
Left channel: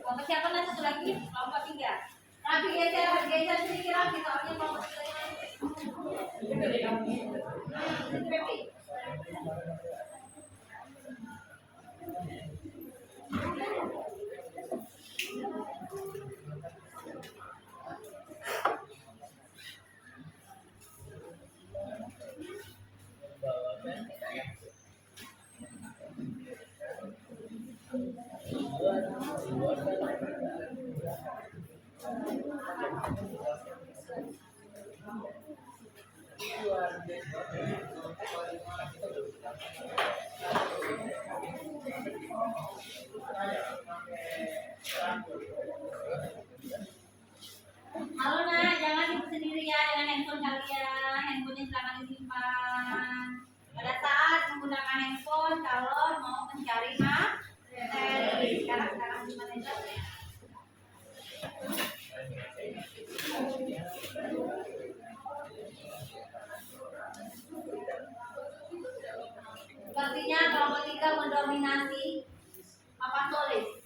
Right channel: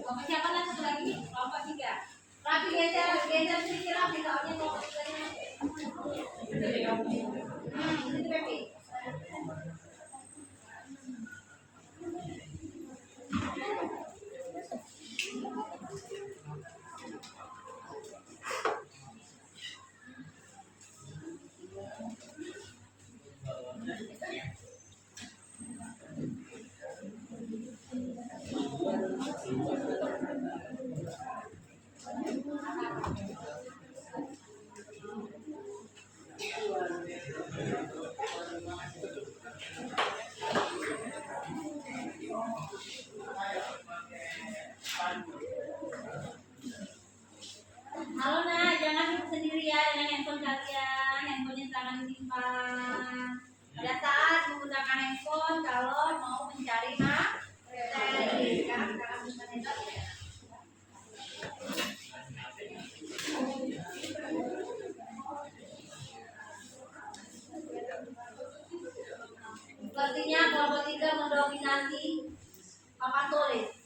Kelompok siapa nanti satu lagi? Kelompok 3. Rapi geser sedikit rapi soalnya kelompok 3-nya. Itu Pepi. kalau mau mencari materi. Sekarang gimana jawabnya? Sepertinya kelompok 3 mendominasi papan tulis.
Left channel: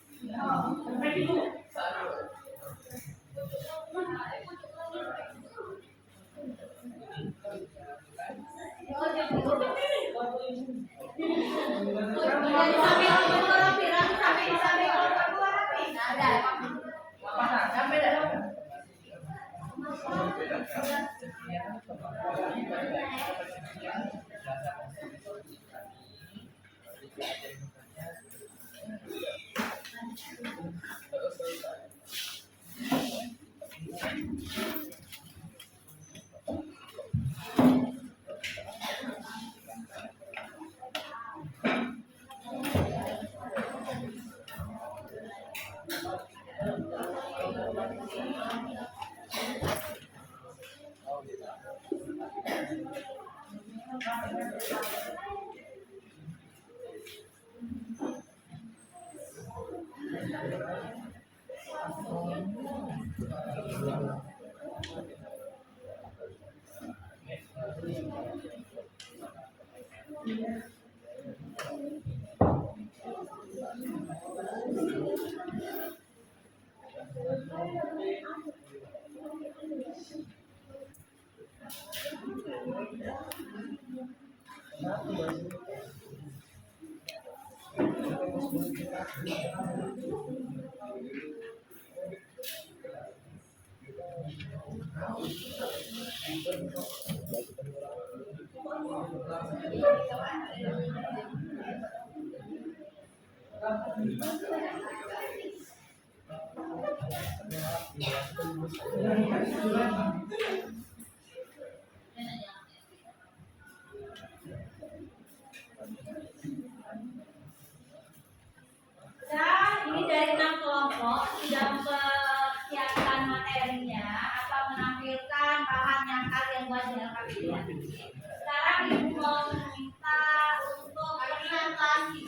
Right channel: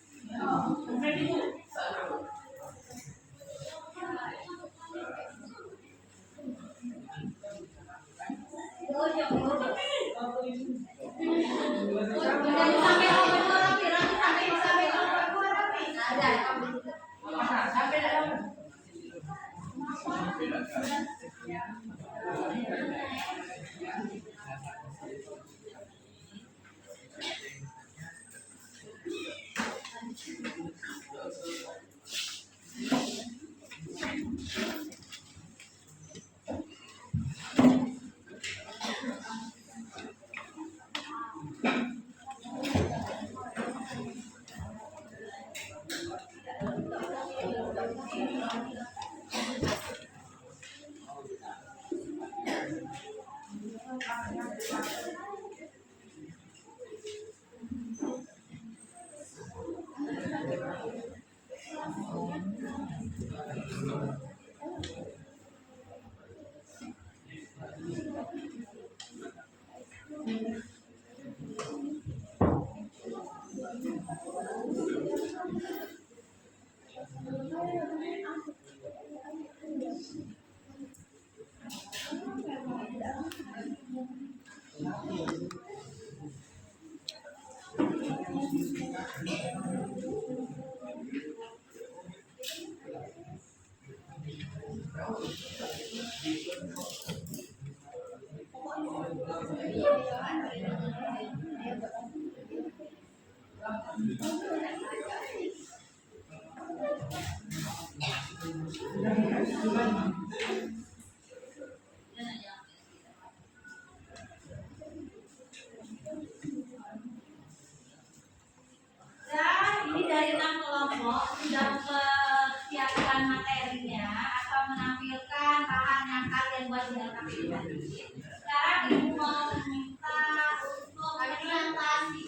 Ini dari 6 kelompok sudah mempersiapkan materinya atau menampilkan bahan yang kalian buat dengan KPI nanti. Sekarang ibu mau meminta untuk presentasi.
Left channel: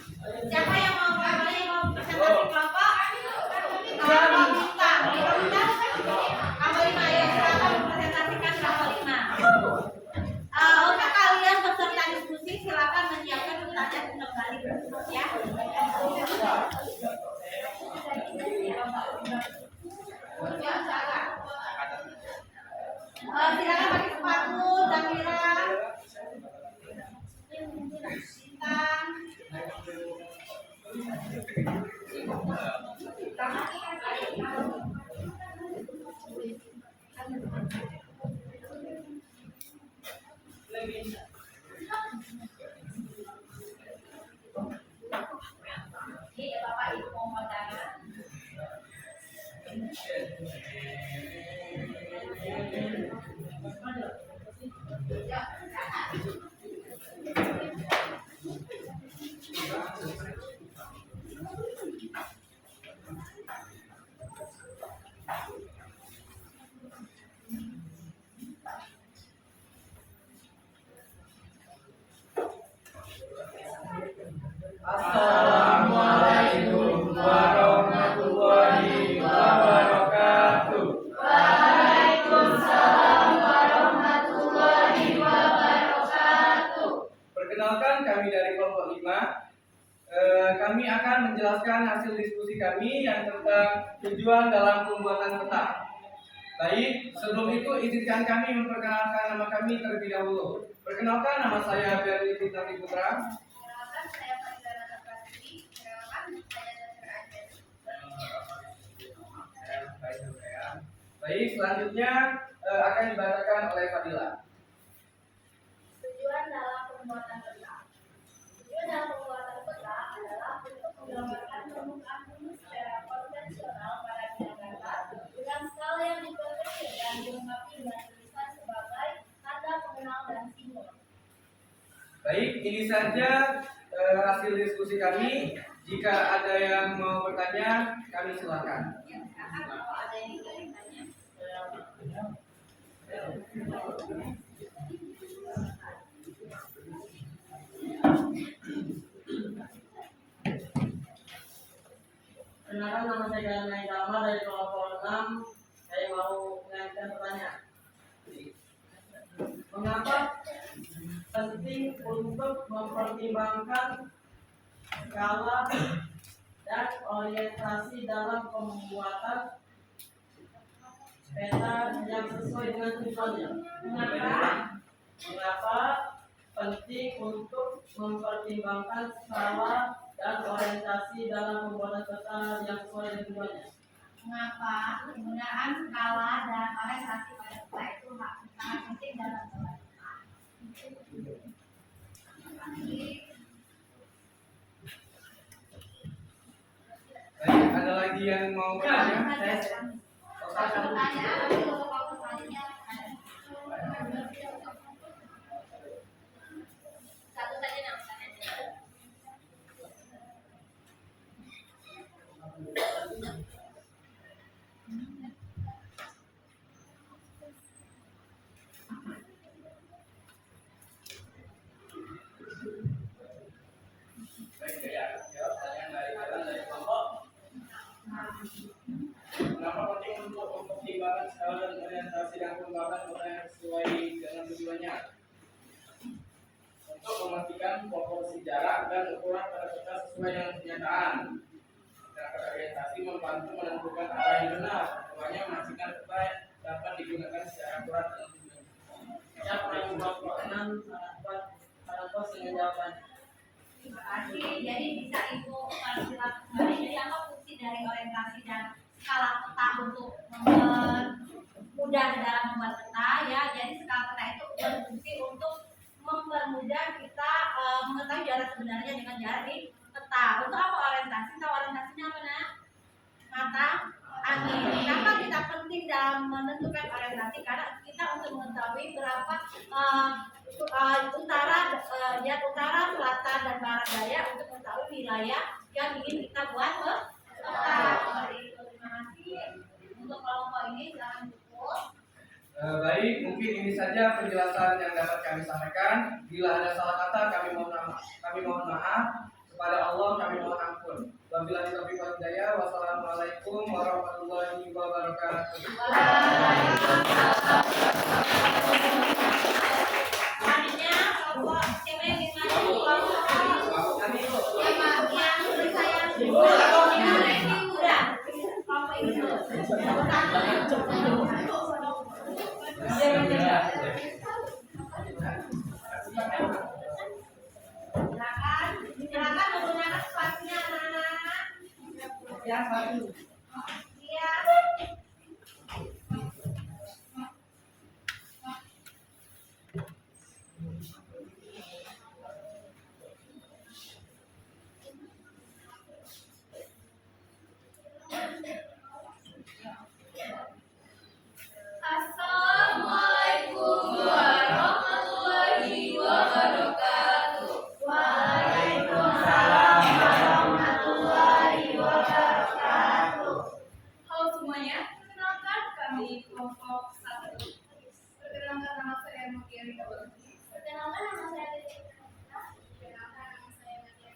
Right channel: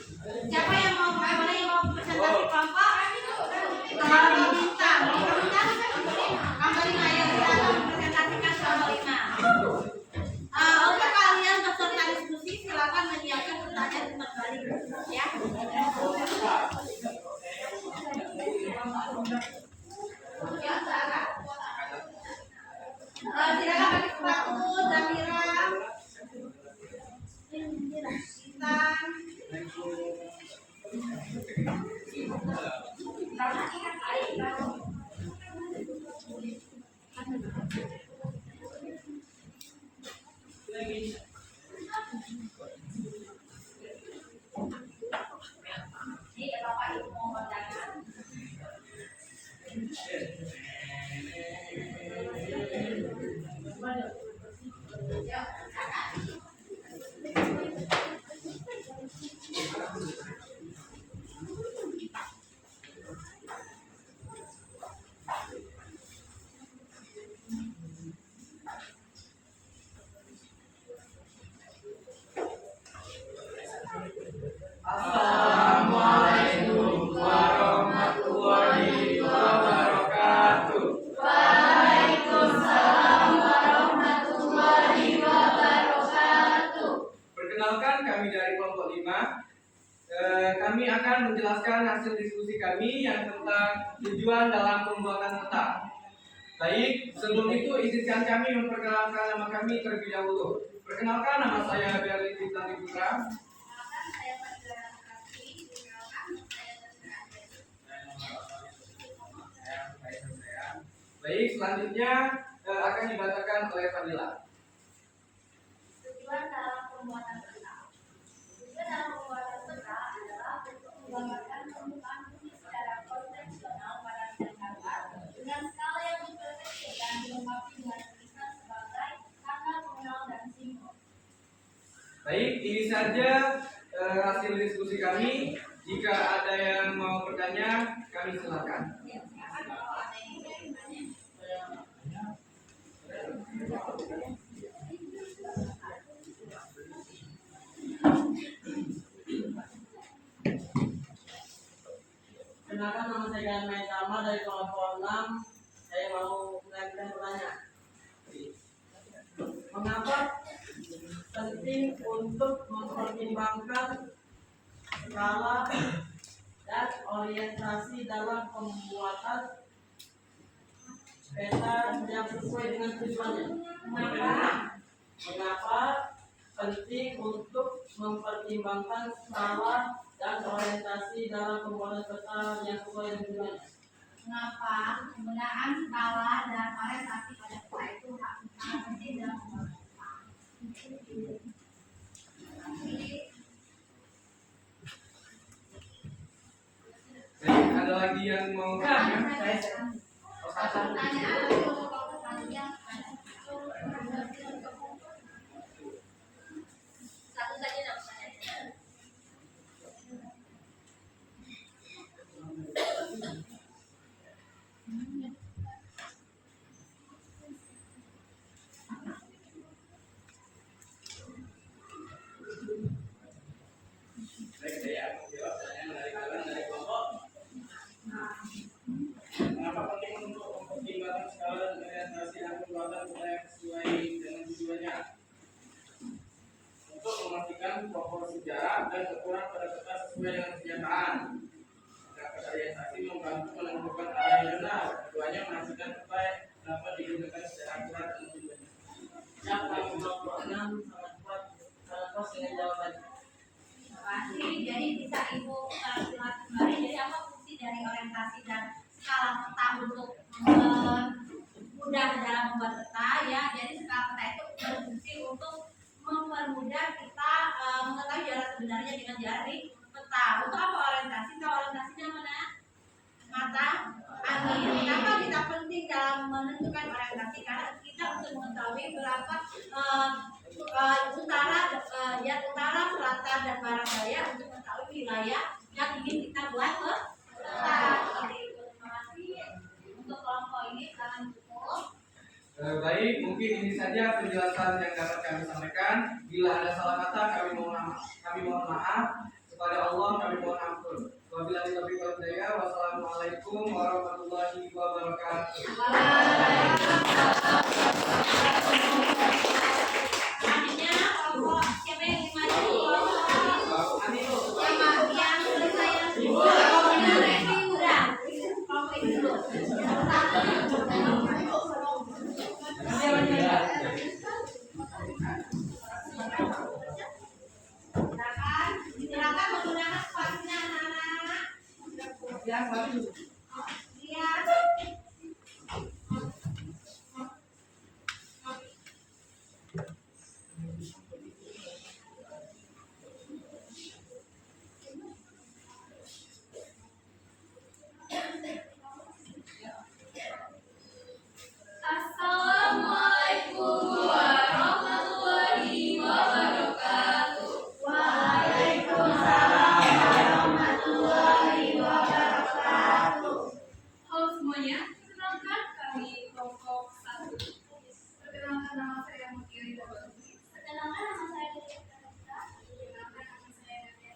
Siapa yang mau presentasi kelompok? Kelompok bintang. Kelompok 5 ya, silakan mempresentasikan kelompok 5. Untuk kalian peserta diskusi silakan menyiapkan pertanyaan kembali ya. Silakan pakai sepatu, Zamira, Bintang. Ini Bapak Ibu mau pandangan. Assalamualaikum warahmatullahi wabarakatuh. Waalaikumsalam warahmatullahi wabarakatuh. Perkenalkan, kami dari kelompok 5. Kami akan menjelaskan hasil diskusi kami yang tentang tujuan dalam pembuatan peta. Baik, sebelum itu izinkan kami memperkenalkan nama kami terlebih dahulu. Perkenalkan, nama saya Berli Fitnati Putra. Perkenalkan, saya Fadila Nakasri. Perkenalkan, saya Dr. Baik, selanjutnya akan dibacakan oleh Fadila. Tujuan dalam pembuatan peta. Tujuan dalam pembuatan peta adalah untuk menggambarkan permukaan bumi secara konvensional pada bidang data dengan skala yang diperkecil dan dilengkapi dengan tulisan sebagai tanda pengenal dan simbol. Baik, ini saja hasil diskusi kami. Jika ada yang mau bertanya, kami silakan. Ya, silakan kalau ada yang ingin bertanya. dengan main drama dari kelompok 6. Saya mau mengajukan pertanyaan. Mengapa penting untuk mempertimbangkan skala dan orientasi dalam pembuatan peta yang sesuai dengan tujuannya? Mengapa penting untuk mempertimbangkan skala dan orientasi dalam pembuatan peta yang sesuai dengan tujuannya? Mengapa penggunaan skala dan orientasi pada peta itu sangat penting dalam pembuatan peta? Baik, ada lagi yang mau tanya? Satu pertanyaan, kalau selanjutnya satu saja namanya. Baik, saya jawab pertanyaan dari kelompok. Kenapa penting untuk mempertimbangkan skala dan orientasi yang pembuatan peta yang sesuai dengan tujuannya? Untuk memastikan proporsi jarak dan ukuran pada peta sesuai dengan kenyataan. Sedangkan orientasi membantu menentukan arah yang benar. Tujuannya memastikan peta dapat digunakan secara akurat dan tujuannya. Siapa yang kelompok 6 sangat puas dengan jawabannya? Terima kasih. Jadi bisa Ibu silakan kembali. Jadi apa fungsi dari orientasi dan skala peta untuk mempermudah dalam membuat peta ya? Jadi skala peta itu berfungsi untuk mempermudah kita mengetahui jarak sebenarnya dengan jarak di peta. Untuk apa orientasi? Tahu orientasinya apa nak? Mata angin. Kenapa kita penting dalam menentukan orientasi? Karena kita untuk mengetahui berapa utara, selatan dan barat daya untuk mengetahui wilayah yang ingin kita buat peta. Seperti itu. Terima kasih. Untuk kelompok ini silakan cukup. Baik, mungkin ini saja penjelasan yang dapat kami sampaikan. Bila ada salah kata, kami mohon maaf. Kepada Allah kami mohon ampun. Wabillahi taufiq wal hidayah. Wassalamualaikum warahmatullahi wabarakatuh. Selanjutnya kelompok siapa yang ingin maju? Kelompok yang saya review udah. Kelompok ini dulu. Silakan menggunakan sepatunya anak-anak. Yang satu. Iya. Assalamualaikum warahmatullahi wabarakatuh. Waalaikumsalam warahmatullahi wabarakatuh. Halo semuanya, perkenalkan kami kelompok 1. Perkenalkan nama saya Mutia Rita Bakti. Perkenalkan nama saya Devi. Perkenalkan nama saya Nadia.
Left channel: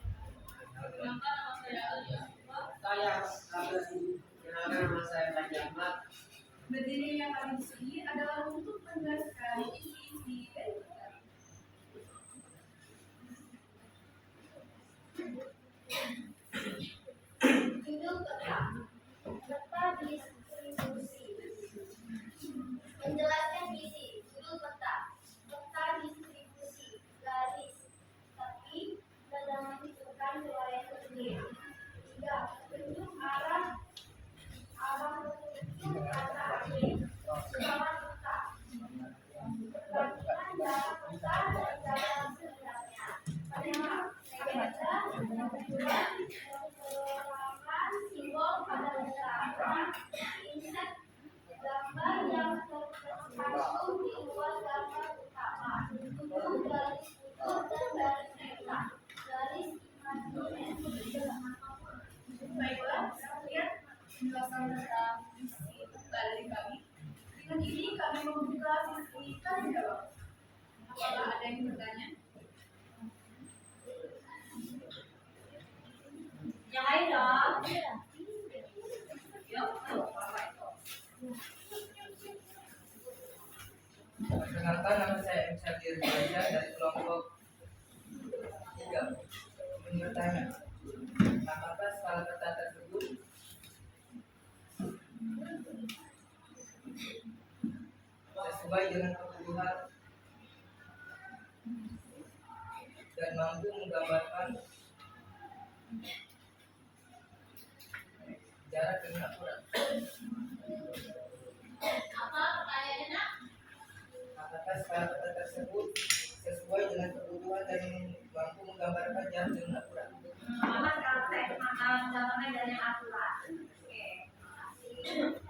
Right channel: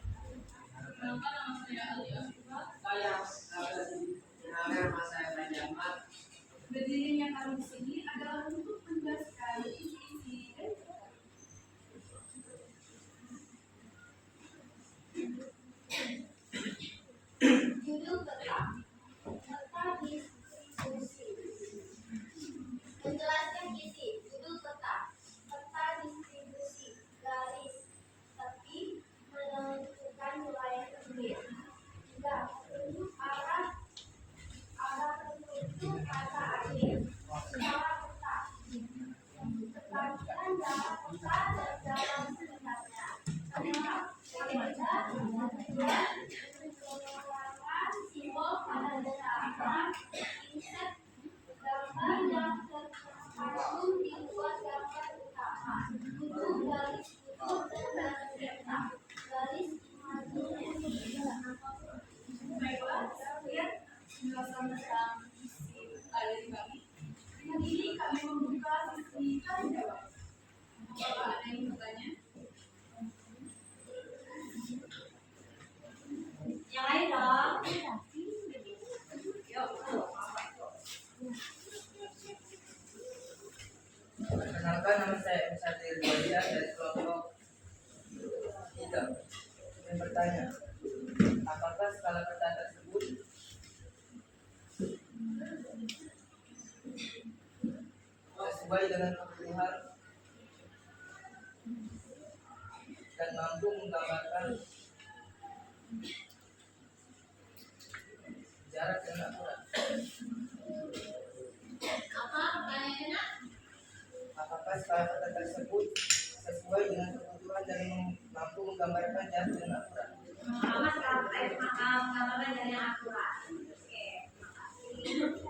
Perkenalkan nama saya Alia. Saya Abdul. Kenalkan nama saya Panji Ahmad. Berdirinya kami di sini adalah untuk menjelaskan isi-isi dari peta. Judul peta. Peta distribusi. Menjelaskan isi. Judul peta. Peta distribusi. Garis. Tepi menentukan wilayah tersebut. 3. Petunjuk arah petunjuk kata akhir. Skala peta. Perbandingan jarak peta dan jarak sebenarnya. 5. Legenda. 6. Simbol pada dasar. 6. Insert gambar yang tercantum di luar gambar utama. 7. Garis putus dan garis peta. Garis imajinasi. Baiklah, sekian penjelasan tentang isi peta dari kami. Dengan ini kami membuka sesi tanya jawab. Apakah Satir Faizal dari kelompok 3 ingin bertanya, apakah skala peta tersebut sesuai dengan kebutuhan dan mampu menggambarkan jarak dengan akurat? Apa pertanyaannya, Nak? Apakah skala peta tersebut sesuai dengan kebutuhan dan mampu menggambarkan jarak dengan akurat? Apa skala peta itu menggambarkan dari yang akurat? Oke, terima kasih.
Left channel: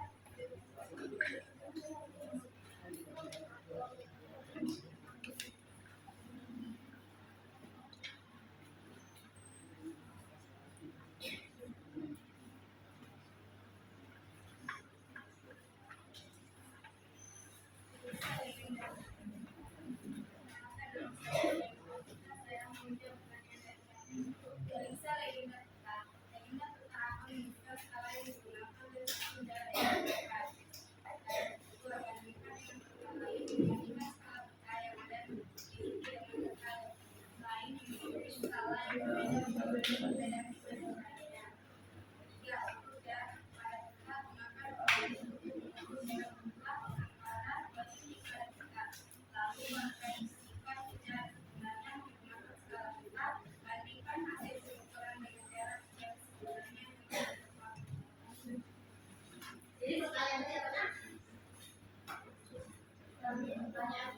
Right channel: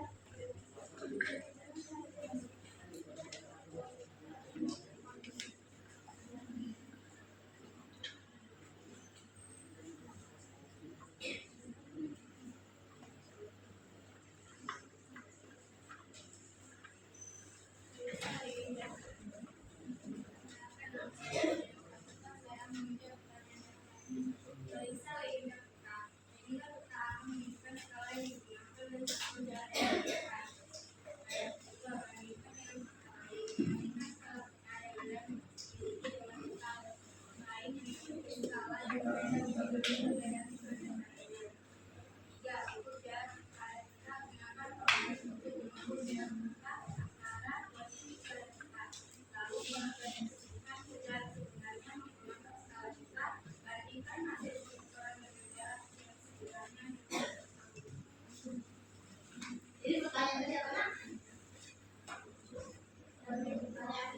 Jadi pertanyaan tadi apa, Nak? Pertanyaan.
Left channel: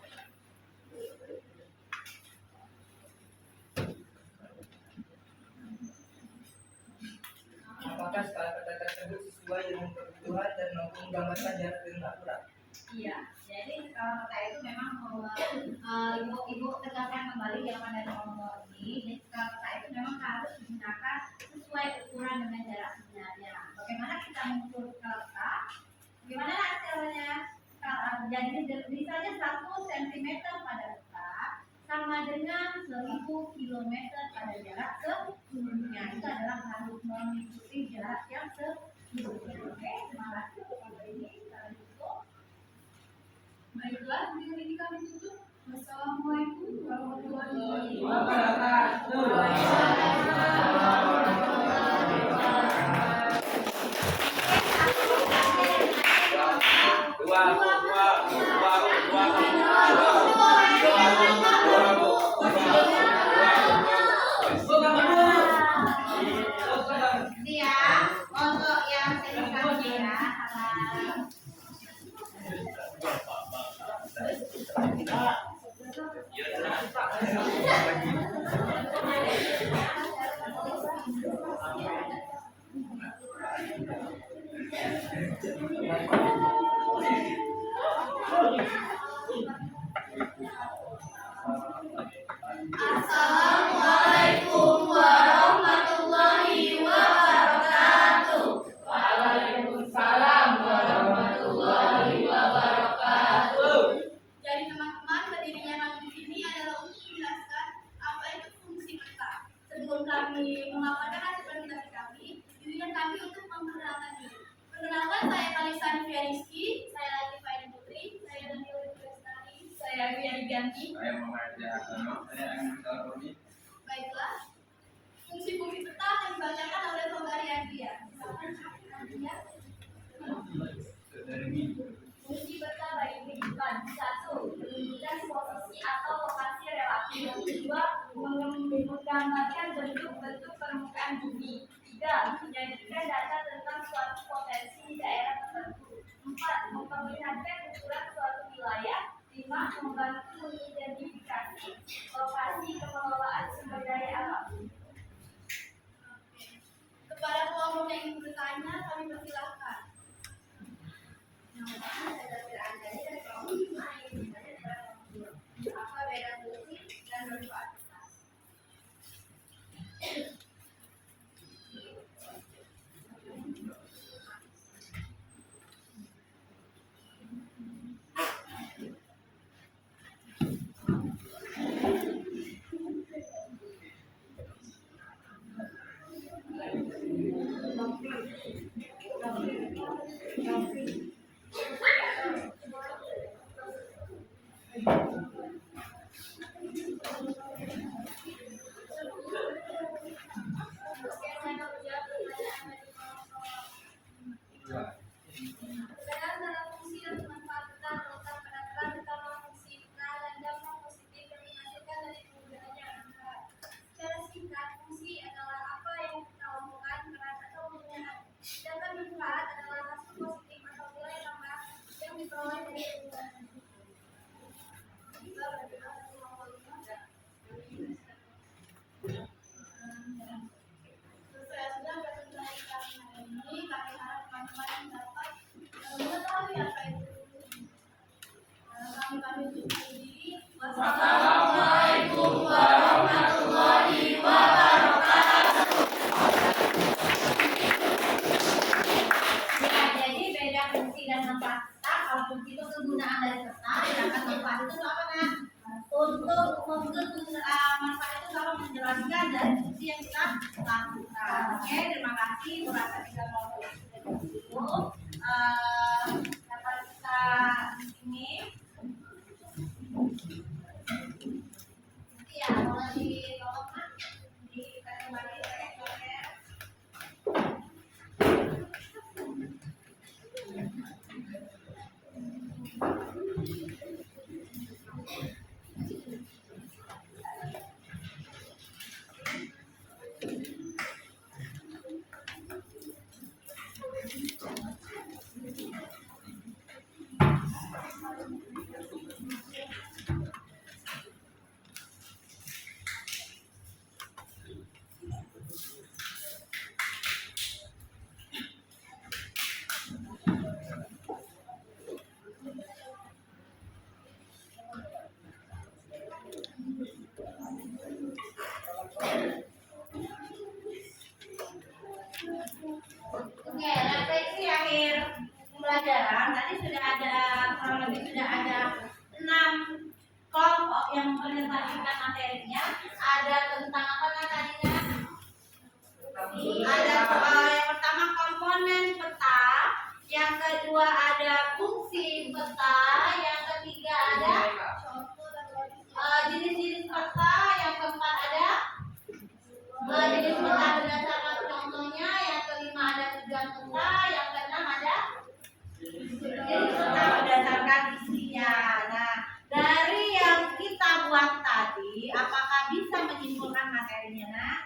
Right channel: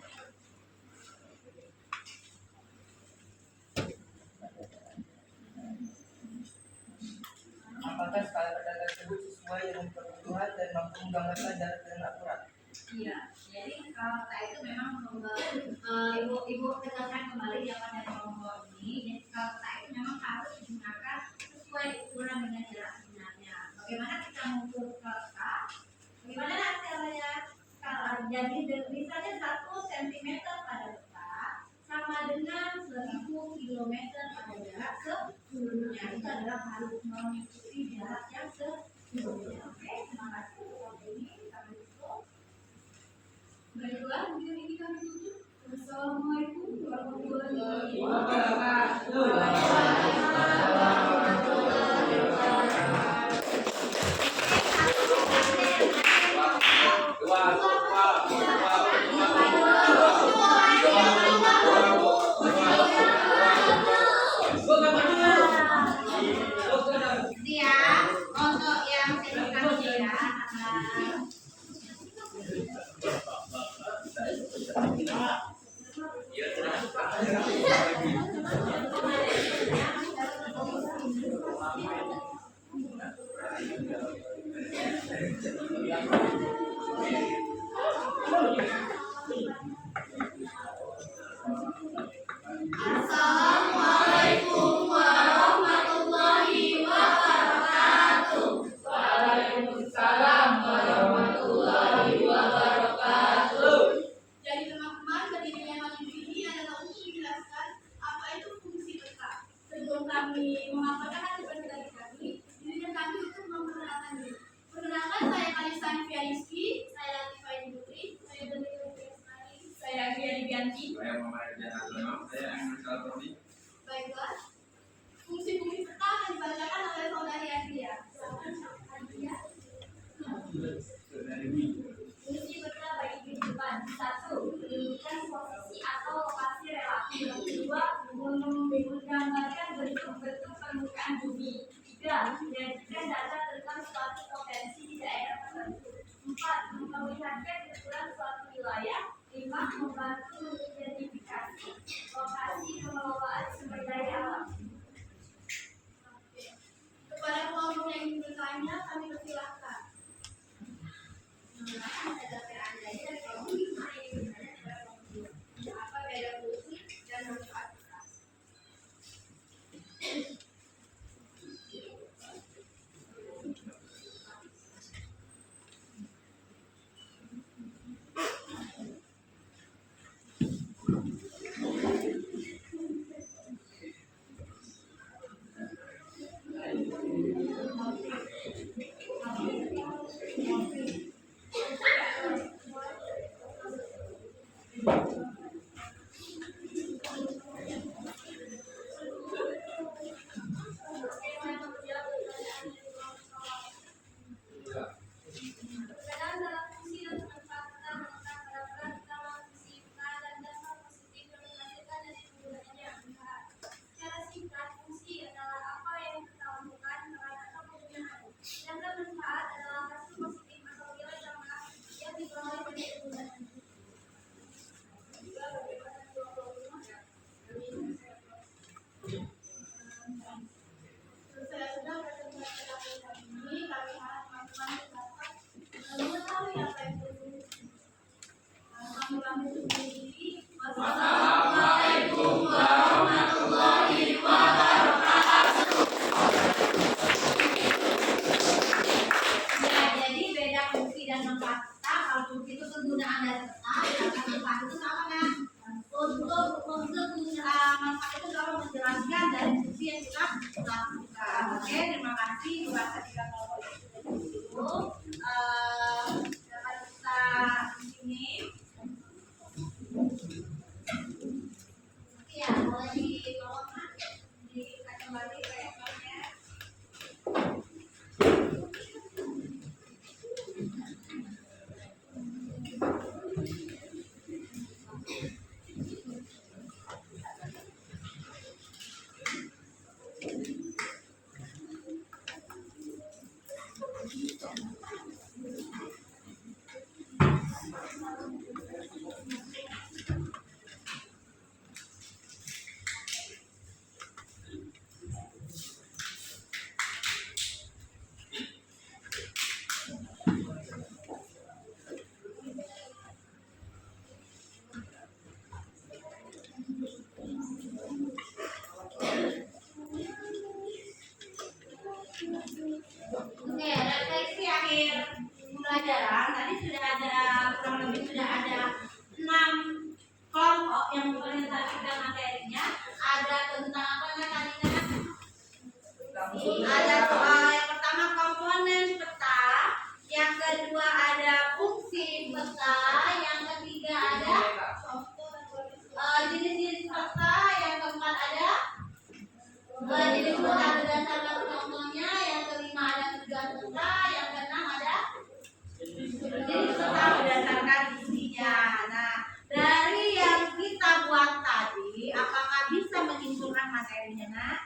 Apakah skala peta tersebut sesuai dengan kebutuhan dan mampu menggambarkan jarak dengan akurat? Iya, jadi kalau peta itu memang ibu tegaskan kembali jawaban dari nomor ini. Jadi kalau peta itu memang harus digunakan sesuai ukuran dengan jarak sebenarnya. Bagaimana kita mengukur peta? Bagaimana caranya? Jadi misalnya 1 cm pada peta sama dengan 1000 km pada jarak sebelumnya. Itu adalah harus mengikuti jarak yang sebelumnya. Oke, terima kasih untuk hari ini. Kita tutup. Baiklah, video ini kami tutup. Wassalamualaikum warahmatullahi Siap untuk yang signifikannya ya. Assalamualaikum warahmatullahi wabarakatuh. Waalaikumsalam warahmatullahi wabarakatuh. Jadi teman-teman, berdirinya majelis ini adalah untuk menjelaskan apa itu fungsi peta. Sebelum kami memaparkan hasil presentasi kami, izinkan kami untuk memperkenalkan diri. Perkenalkan, saya Kalisa Nivia Rizky, saya Latifah Aini Putri, saya Danila Lestari, saya Agria Dibianti. Saya Muhammad Jahantono, saya Ahmad Saltoni. Baiklah, fungsi-fungsi peta akan dibacakan oleh saudari Agria. Silakan, Agria. Fungsi peta bagi kehidupan. 1. Menunjukkan posisi atau lokasi relatif. 2. Menggambarkan bentuk-bentuk permukaan bumi. 3. Menyajikan data tentang suatu potensi di daerah tertentu. 4. Memperlihatkan ukuran suatu wilayah. 5. Membantu mengidentifikasi lokasi pengelolaan sumber daya alam. Kepada kelompok yang ingin bertanya, kami persilahkan. Yang pertama ada dapur Anda dari kelompok 5 yang bertanya kepada kelompok 2. Apa beda fungsi dan manfaat peta? Assalamualaikum warahmatullahi wabarakatuh. Ya, jadi beda fungsi dan tempat kata. Kalau fungsi itu kegunaan dari kata, sedangkan manfaat itu apa kan? Untuk manfaat itu kalau menjelaskan dari fungsi yang kita lakukan. Oke, terima kasih. Kurang ketika kalau itu dapat kita di sini. Ya, mulai ditolong Nak. Dikasih kembali reaktornya. Oke, refleksi akhir pembelajaran tadi sudah ada kurang lebih sudah ada 6 kelompok yang mempresentasikan materinya. Ada tentang apa tadinya? Ada yang pertama komponen peta, yang kedua ada fungsi peta, yang ketiga ada jenis-jenis peta, yang keempat ada jenis peta berdasarkan contohnya, yang kelima ada tujuan peta, yang keenam ada jenis peta berdasarkan isinya. Nah, dari yang kita buat tadi, apakah bisa menyimpulkan materinya, Nak?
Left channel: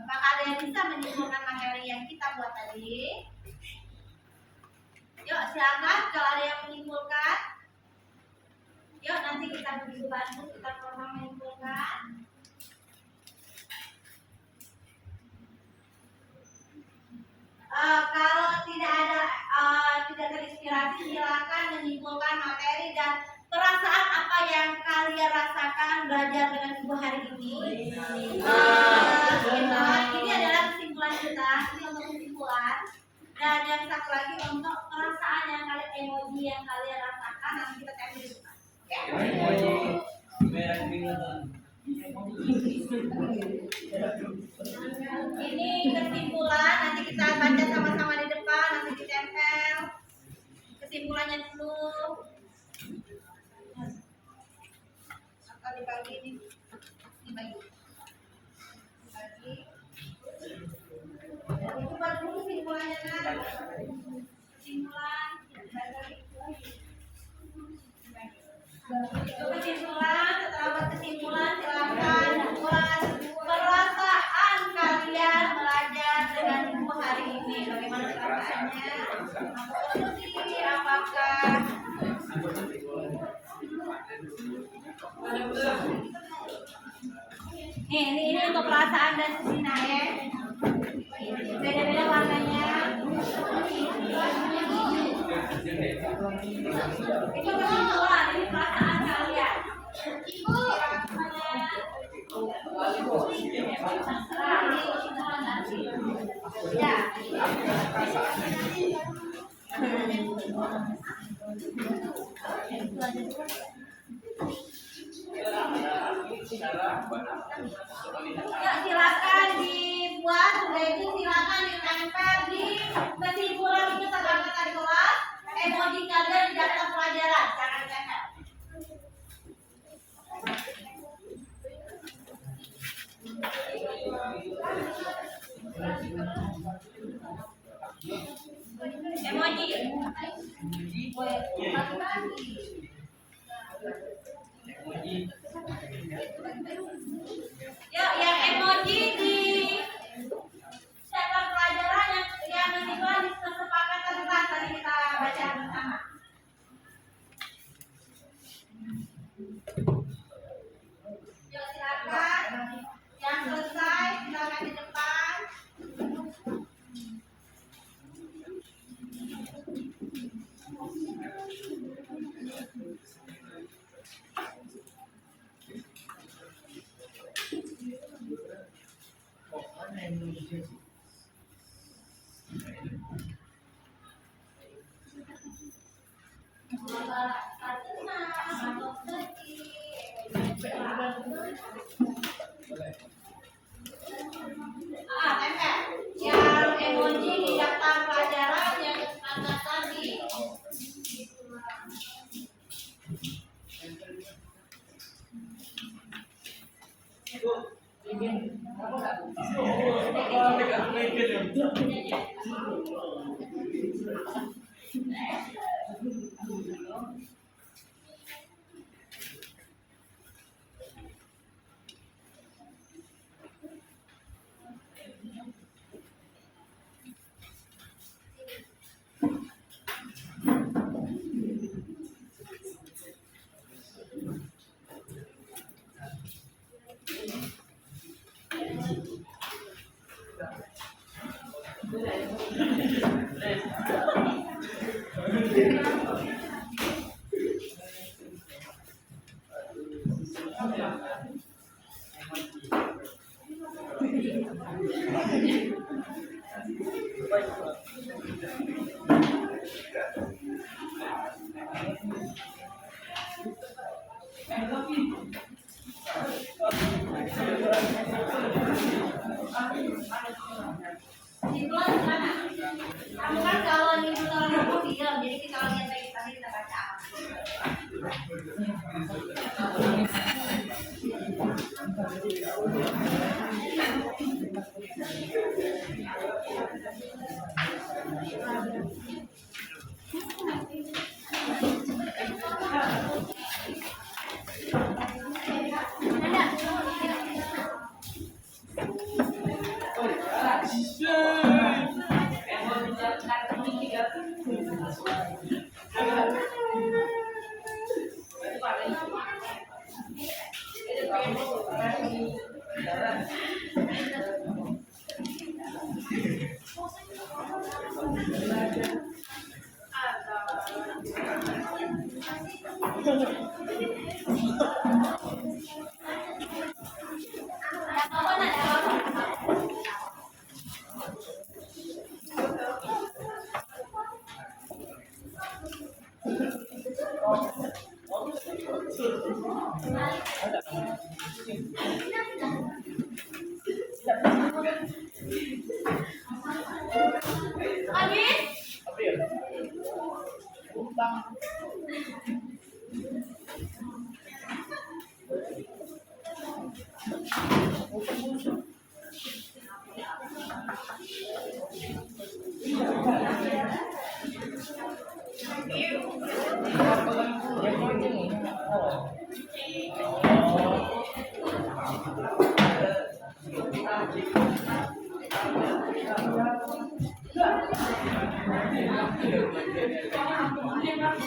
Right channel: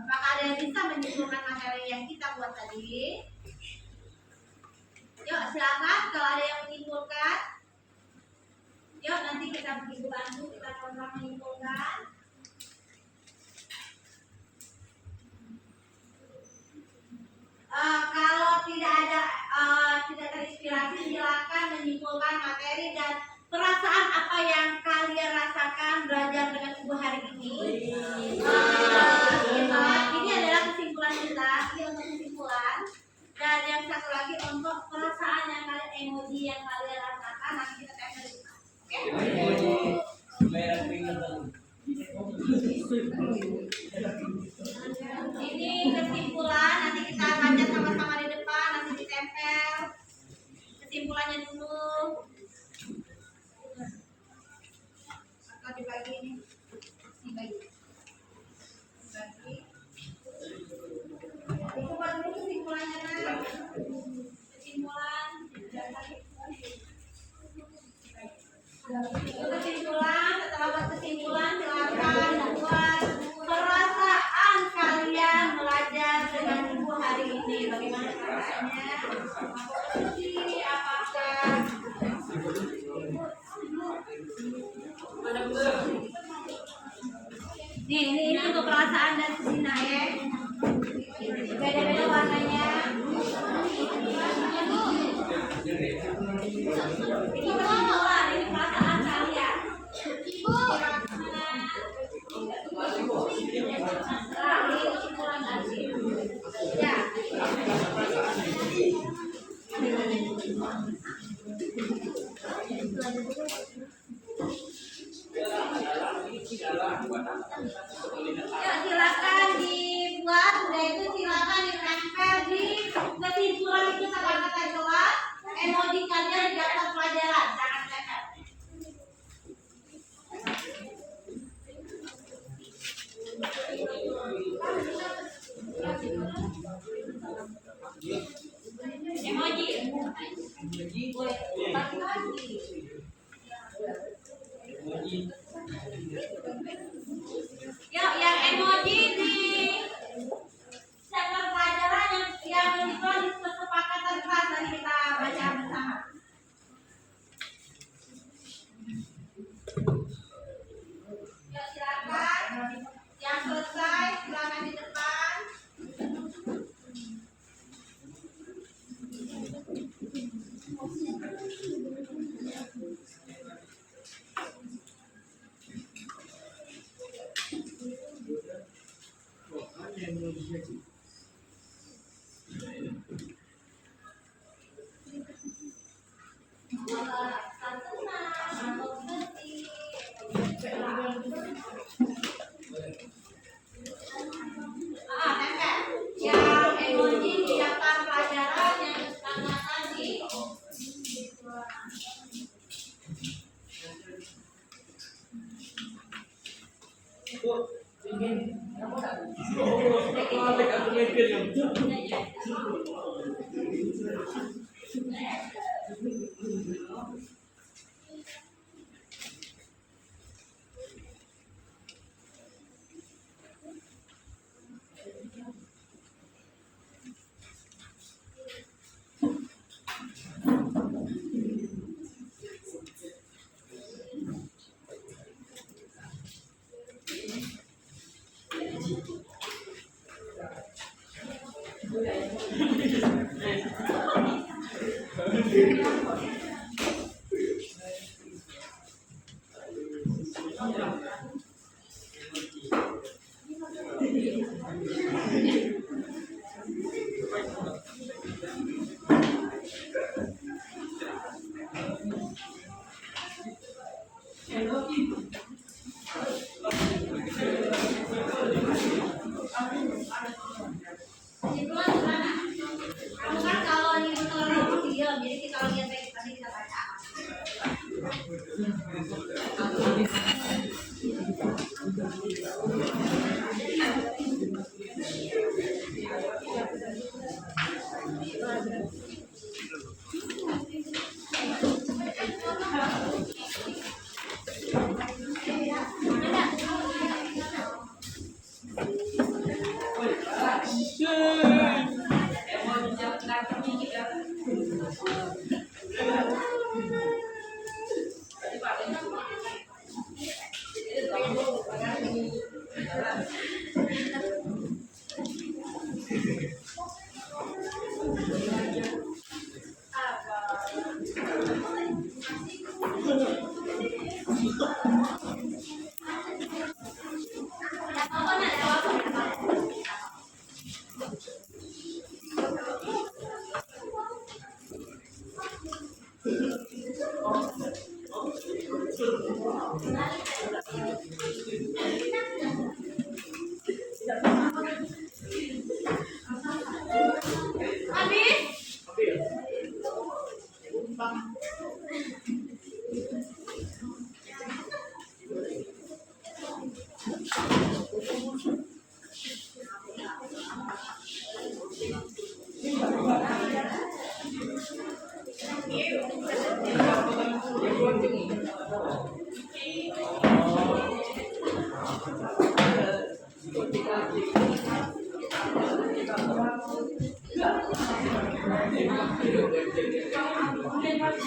Apakah ada yang bisa menyimpulkan materi yang kita buat tadi? Yuk, silakan kalau ada yang menyimpulkan. Yuk, nanti kita beri bantu, kita sama menyimpulkan. Kalau tidak terinspirasi, silakan menyimpulkan materi dan perasaan apa yang kalian rasakan belajar dengan ibu hari ini. Ini adalah kesimpulan kita, ini untuk kesimpulan. Dan yang satu lagi untuk perasaan yang kalian, emoji yang kalian rasakan, nanti kita tempel di depan. Emoji merah keringetan. Ini kesimpulan, nanti kita baca sama-sama di depan, nanti ditempel. Kesimpulannya dulu. Atau dibagi ini. Dibagi. Itu dulu kesimpulannya, Nak. Kesimpulan. Itu kesimpulan, setelah buat kesimpulan silakan buat perasaan kalian belajar dengan ibu hari ini. Bagaimana perasaannya? Apakah ini untuk perasaan dan Sina ya. Beda-beda warnanya. Itu kesimpulan, ini perasaan kalian. Ibu. Terserah, ini kesimpulan tadi. Ya. Ya, silakan dibuat, sudah itu silakan ditempel di kesimpulan itu kata-kata di kelas. Emoji kalian di daftar pelajaran, jangan ditempel. Emoji. Yuk, yang emoji di segmen pelajaran yang ini kan kesepakatan kelas tadi kita baca bersama. Yuk, silakan. Yang selesai silakan di depan. Nempel. Yang emoji di daftar pelajaran yang kesepakatan tadi. Kesimpulan gimana? Kamu kan kalau nyuruh orang ngomong diam, jadi kita lihat baik tadi kita baca.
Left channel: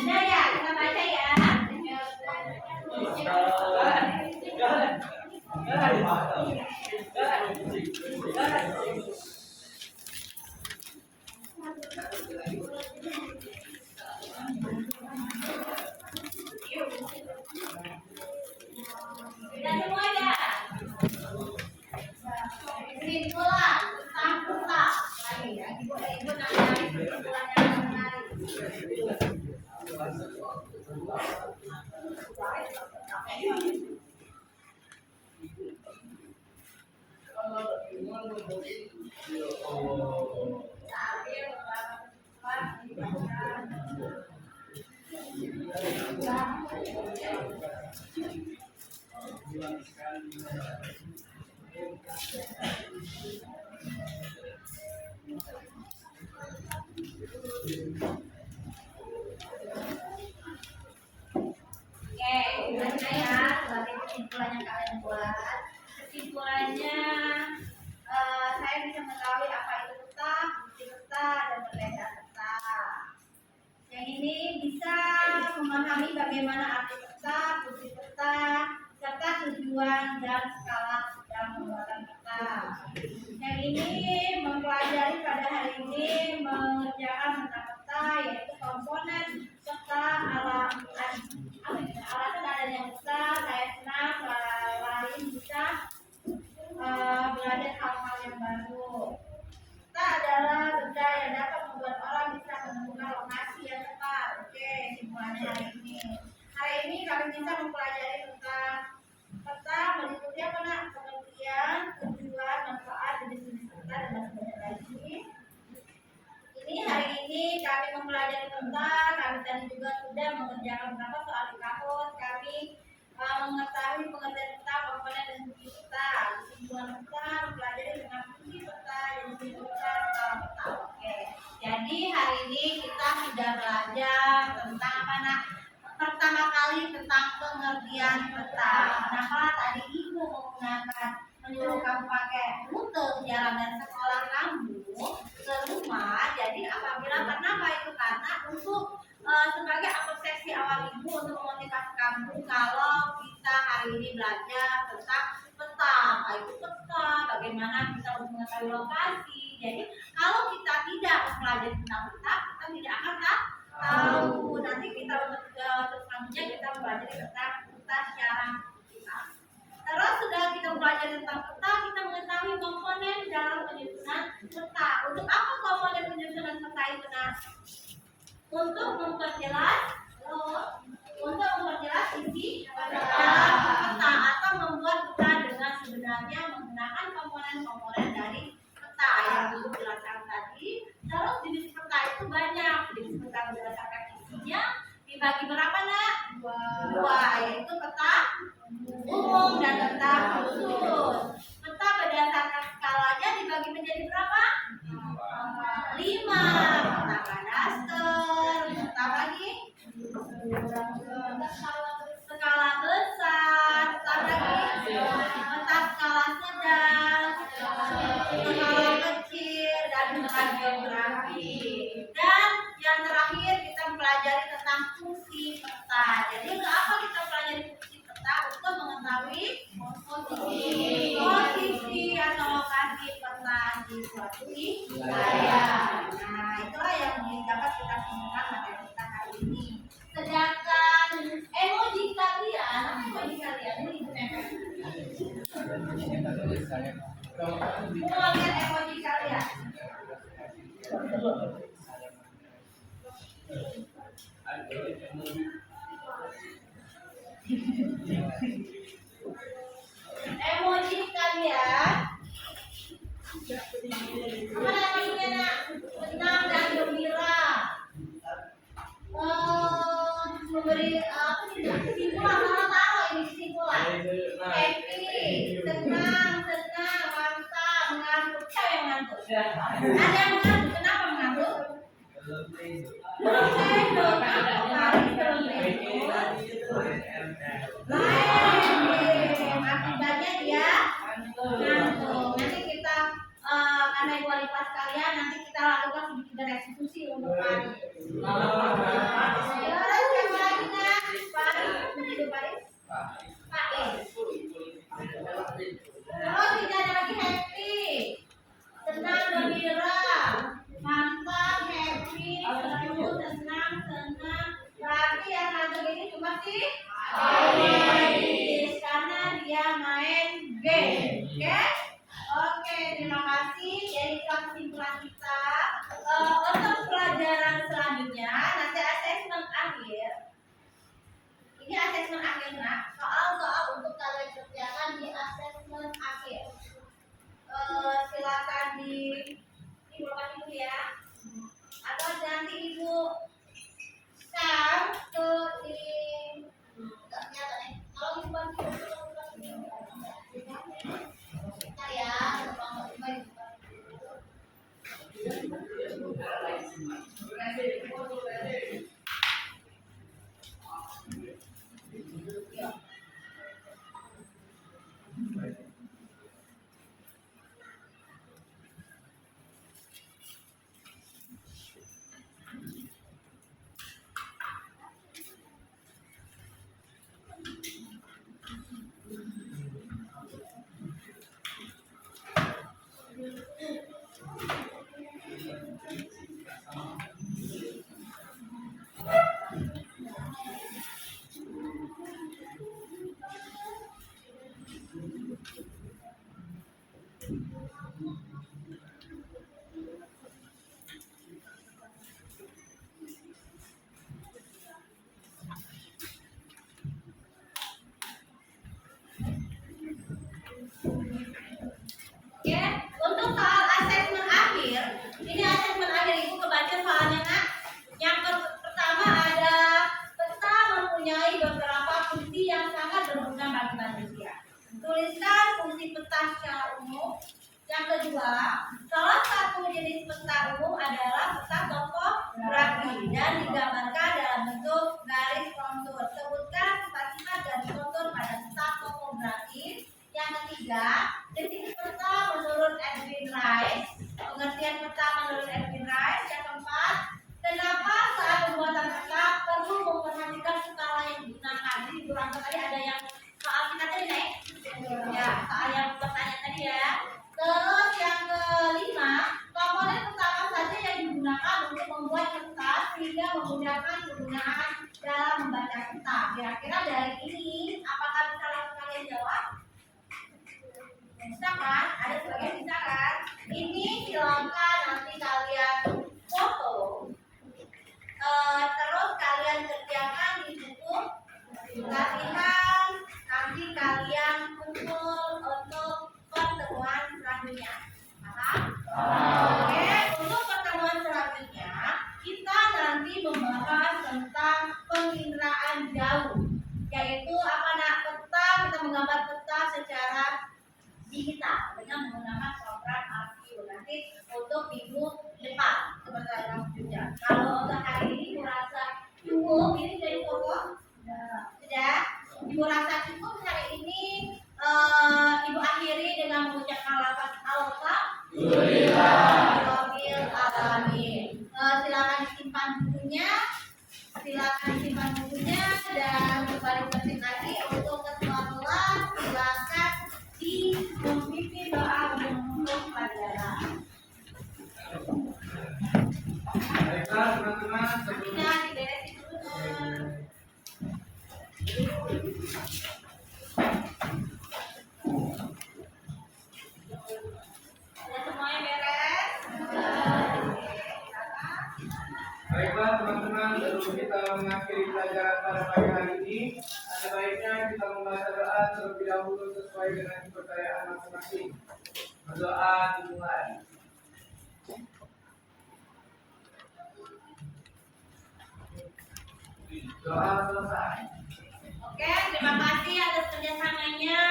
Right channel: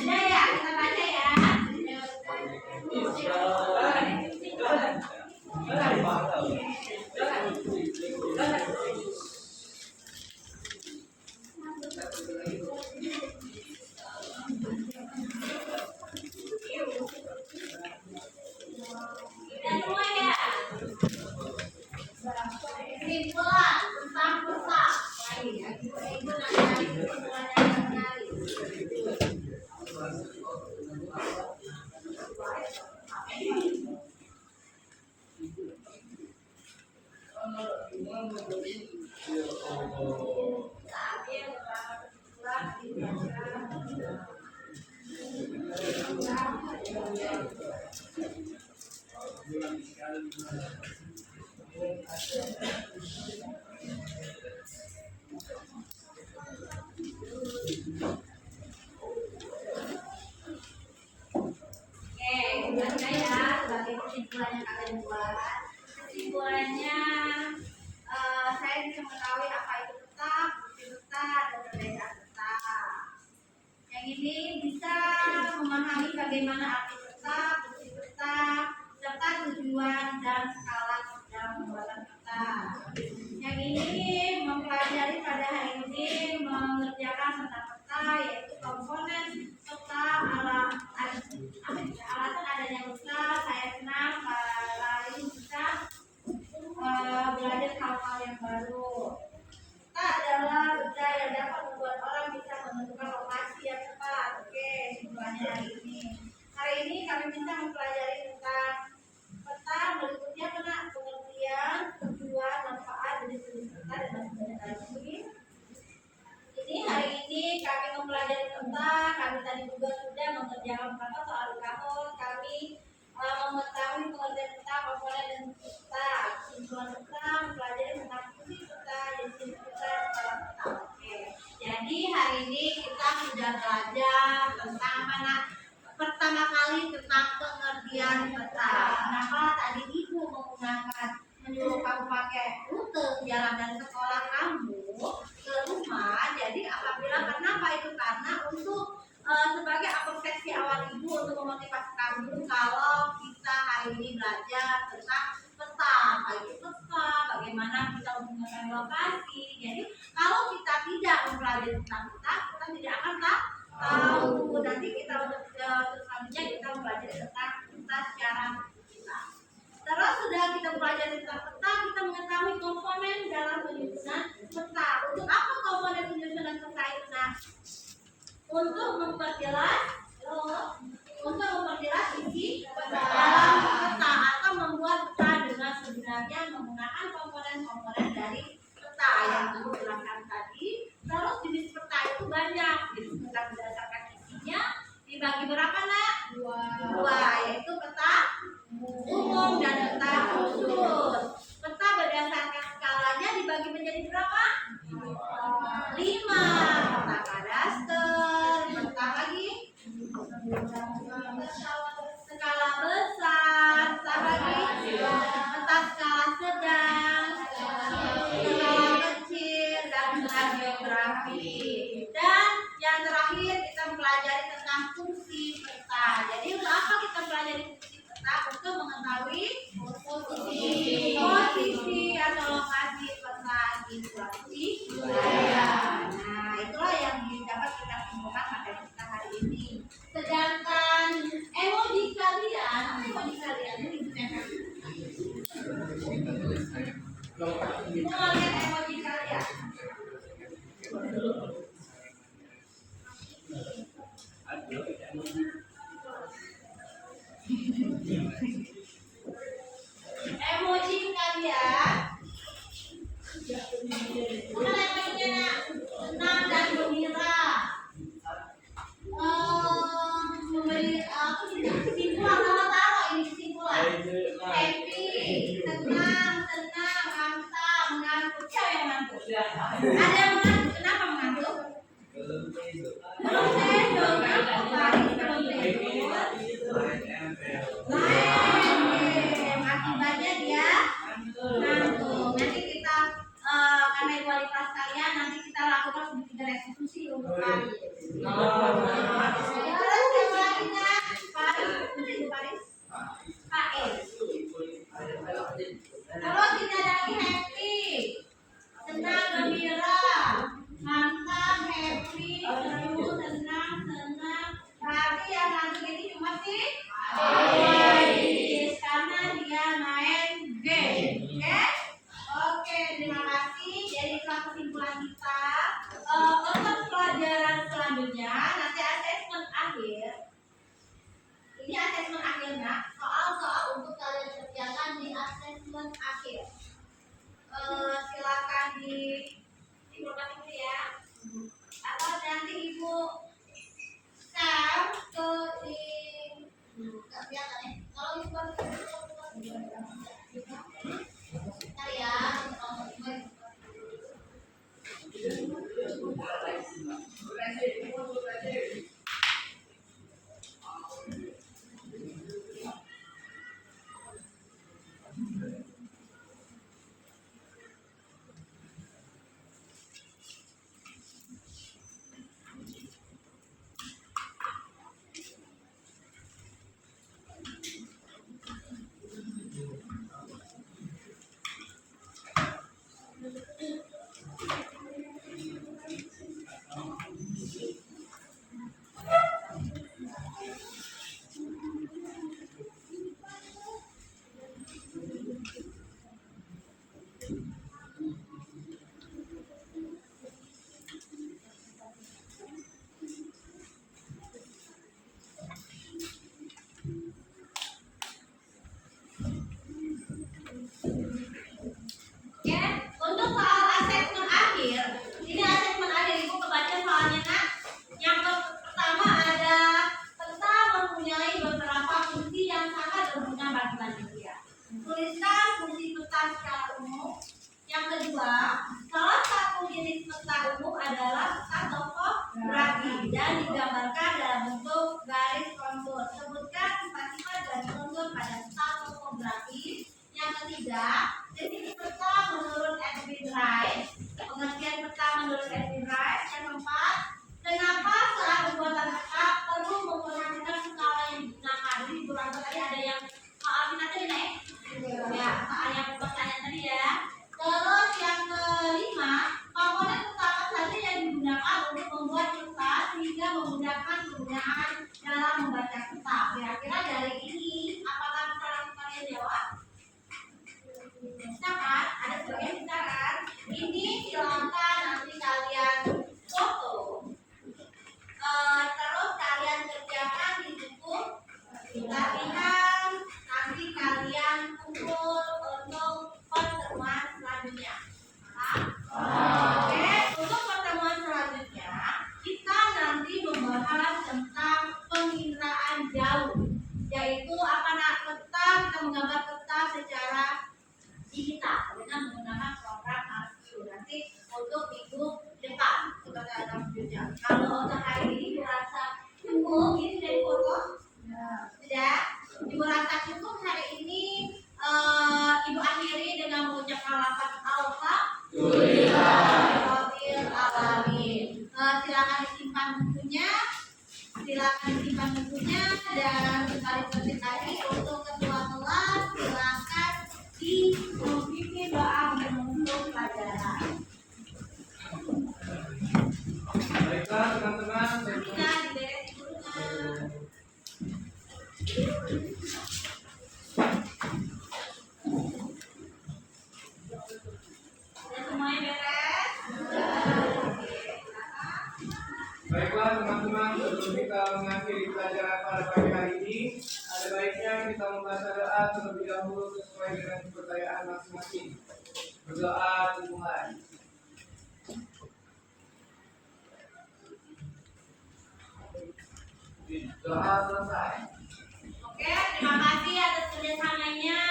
Udah ya, kita baca ya. Udah semua ya. Kesimpulan tentang peta. Lagi ya, ibu nanya kesimpulan yang menarik. Ambil beberapa kesimpulan dibaca. Oke, baca ya sebagai kesimpulan yang kalian buat. Kesimpulannya, saya bisa mengetahui apa itu peta, fungsi peta, dan perbedaan peta. Yang ini bisa memahami bagaimana arti peta, fungsi peta, serta tujuan dan skala dalam pembuatan peta. Yang ini mempelajari pada hari ini mengerjakan tentang peta, yaitu komponen peta, alasan adanya peta. Saya senang lain bisa belajar hal-hal yang baru. Peta adalah benda yang dapat membuat orang bisa menentukan lokasi yang tepat. Oke, simpulannya hari ini. Hari ini kami bisa mempelajari tentang peta meliputi pengertian peta. Kenapa tadi ibu menggunakan menyuruh kamu pakai rute jalan dari sekolah kamu ke rumah? Jadi apabila kenapa itu karena untuk sebagai seksi awal ibu untuk memotivasi kamu kalau kita hari ini belajar tentang peta, apa itu peta, bagaimana kita untuk mengetahui lokasi. Jadi kalau kita tidak mempelajari tentang peta, kita tidak akan tahu. Nanti kita untuk selanjutnya kita mempelajari tentang peta secara kita. Terus sudah kita belajar tentang peta, kita mengetahui komponen dalam penyusunan peta. Untuk apa komponen penyusunan peta itu? Nah, untuk memperjelas isi dalam peta atau membuat peta dengan sebenarnya menggunakan komponen-komponen dari peta yang ibu jelaskan tadi. Terus jenis peta itu banyak. Jenis peta berdasarkan isinya dibagi berapa, Nak? Dua, yaitu peta umum dan peta khusus. Peta berdasarkan skalanya dibagi menjadi berapa? 5. Peta kadaster, peta lagi skala besar, peta lagi peta skala sedang, skala kecil, dan peta geografi. Dan yang terakhir kita mempelajari tentang fungsi peta. Jadi untuk apa kita pelajari fungsi peta? Untuk mengetahui posisi atau lokasi peta di suatu wilayah. Nah, itulah yang dapat kita simpulkan materi kita hari ini. Sedangkan emoji kalian, apa emoji kalian? Ini digunakan. Semua lihat emoji kalian. Emoji kalian. Apa emojinya? Senang dan gembira. Memberi kesimpulan, sama taruh ini kesimpulan. Happy, senang, mantap, mengantuk. Siapa yang mengantuk? Ada yang mengantuk. Kenapa mengantuk? Belum tidur. Akibatnya dia ngantuk. Nanti kita karena ibu wali kelas kalian, nanti kita lakukan sedikit restitusi untuk Paris. Terus yang lagi nggak? Paris, Ibu Paris? Paris. Terus tidak ada lagi happy, senang, gembira, mantap, happy, seru, senang. Berarti yang ngantuk ini cuma sih karena dia main game. Oke, terima kasih. Jadi itulah kesimpulan kita. Untuk pelajaran selanjutnya nanti asesmen akhir. Ini asesmen akhir, Nak. Soal-soal untuk kalian kerjakan di asesmen akhir. Silakan di lokasi itu ya. Atau nanti Ibu share ke di nggak kelihatan ya. Kalau Ibu bagi bentar ya. Yang kedua, salah satu jenis peta umum adalah peta topografi dan digambarkan dalam bentuk garis kontur. Sebutkan sifat-sifat garis kontur pada peta topografi. Yang ketiga, definisi peta menurut Edwin Rice. Pengertian peta menurut Edwin Rice. Yang keempat, kenapa saat pembuatan peta perlu memperhatikan skala yang digunakan. Jadi di bulan tadi ada yang soal kita tadi naik. Ya, soal yang pertanyaan tadi ya. Terus yang kelima, komponen peta apa saja yang digunakan untuk membuat peta sehingga memudahkan penggunaan dalam membaca peta. Kira-kira dari ini, apakah bisa langsung kalian jawab? Bisa kan? Ada sebagian bisa kan? Ini silakan nanti kalian foto. Terus kalian kerjakan di buku latihan. Nanti kalian kumpul untuk pertemuan selanjutnya. Paham? Oke, untuk pertemuan selanjutnya kita nanti membahas tentang penginderaan jauh, yaitu apa nak peta, kita menggambar peta secara digital dengan menggunakan program ArcView. Nanti untuk minggu depan seperti yang selanjutnya. Kalau untuk hari ini merasa cukup, ini dari foto sudah. Ibu rasa cukup hari ini. Ibu akhiri dengan mengucapkan lafaz Alhamdulillah. Silakan disimpan bukunya, dan kembali seperti tadi untuk ketua kelas silakan memimpin doa untuk pelajaran. Baiklah teman-teman, Kita diberesin dulu. Sudah semuanya beres? baiklah teman-teman, sebelum kita mengakhiri pelajaran pada pagi hari ini, ada baiknya kita membaca doa terlebih dahulu sesuai dengan kepercayaan masing-masing. Berdoa dimulai. Doa selesai. Oke, terima kasih atas kerjasamanya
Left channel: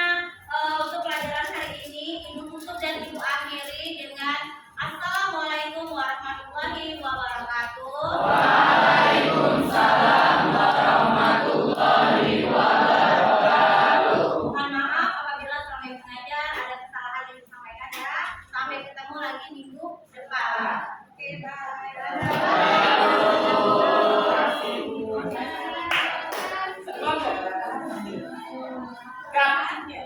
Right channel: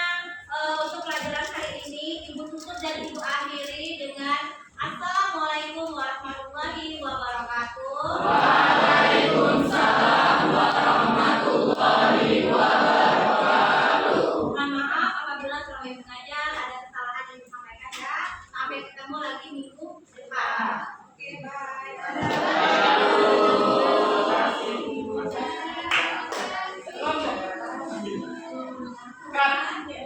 untuk pelajaran hari ini. Ibu tutup dan ibu akhiri dengan Assalamualaikum warahmatullahi wabarakatuh. Waalaikumsalam warahmatullahi wabarakatuh. Mohon maaf apabila selama yang mengajar ada kesalahan yang disampaikan ya. Sampai ketemu lagi minggu depan. Oke, bye. Cut.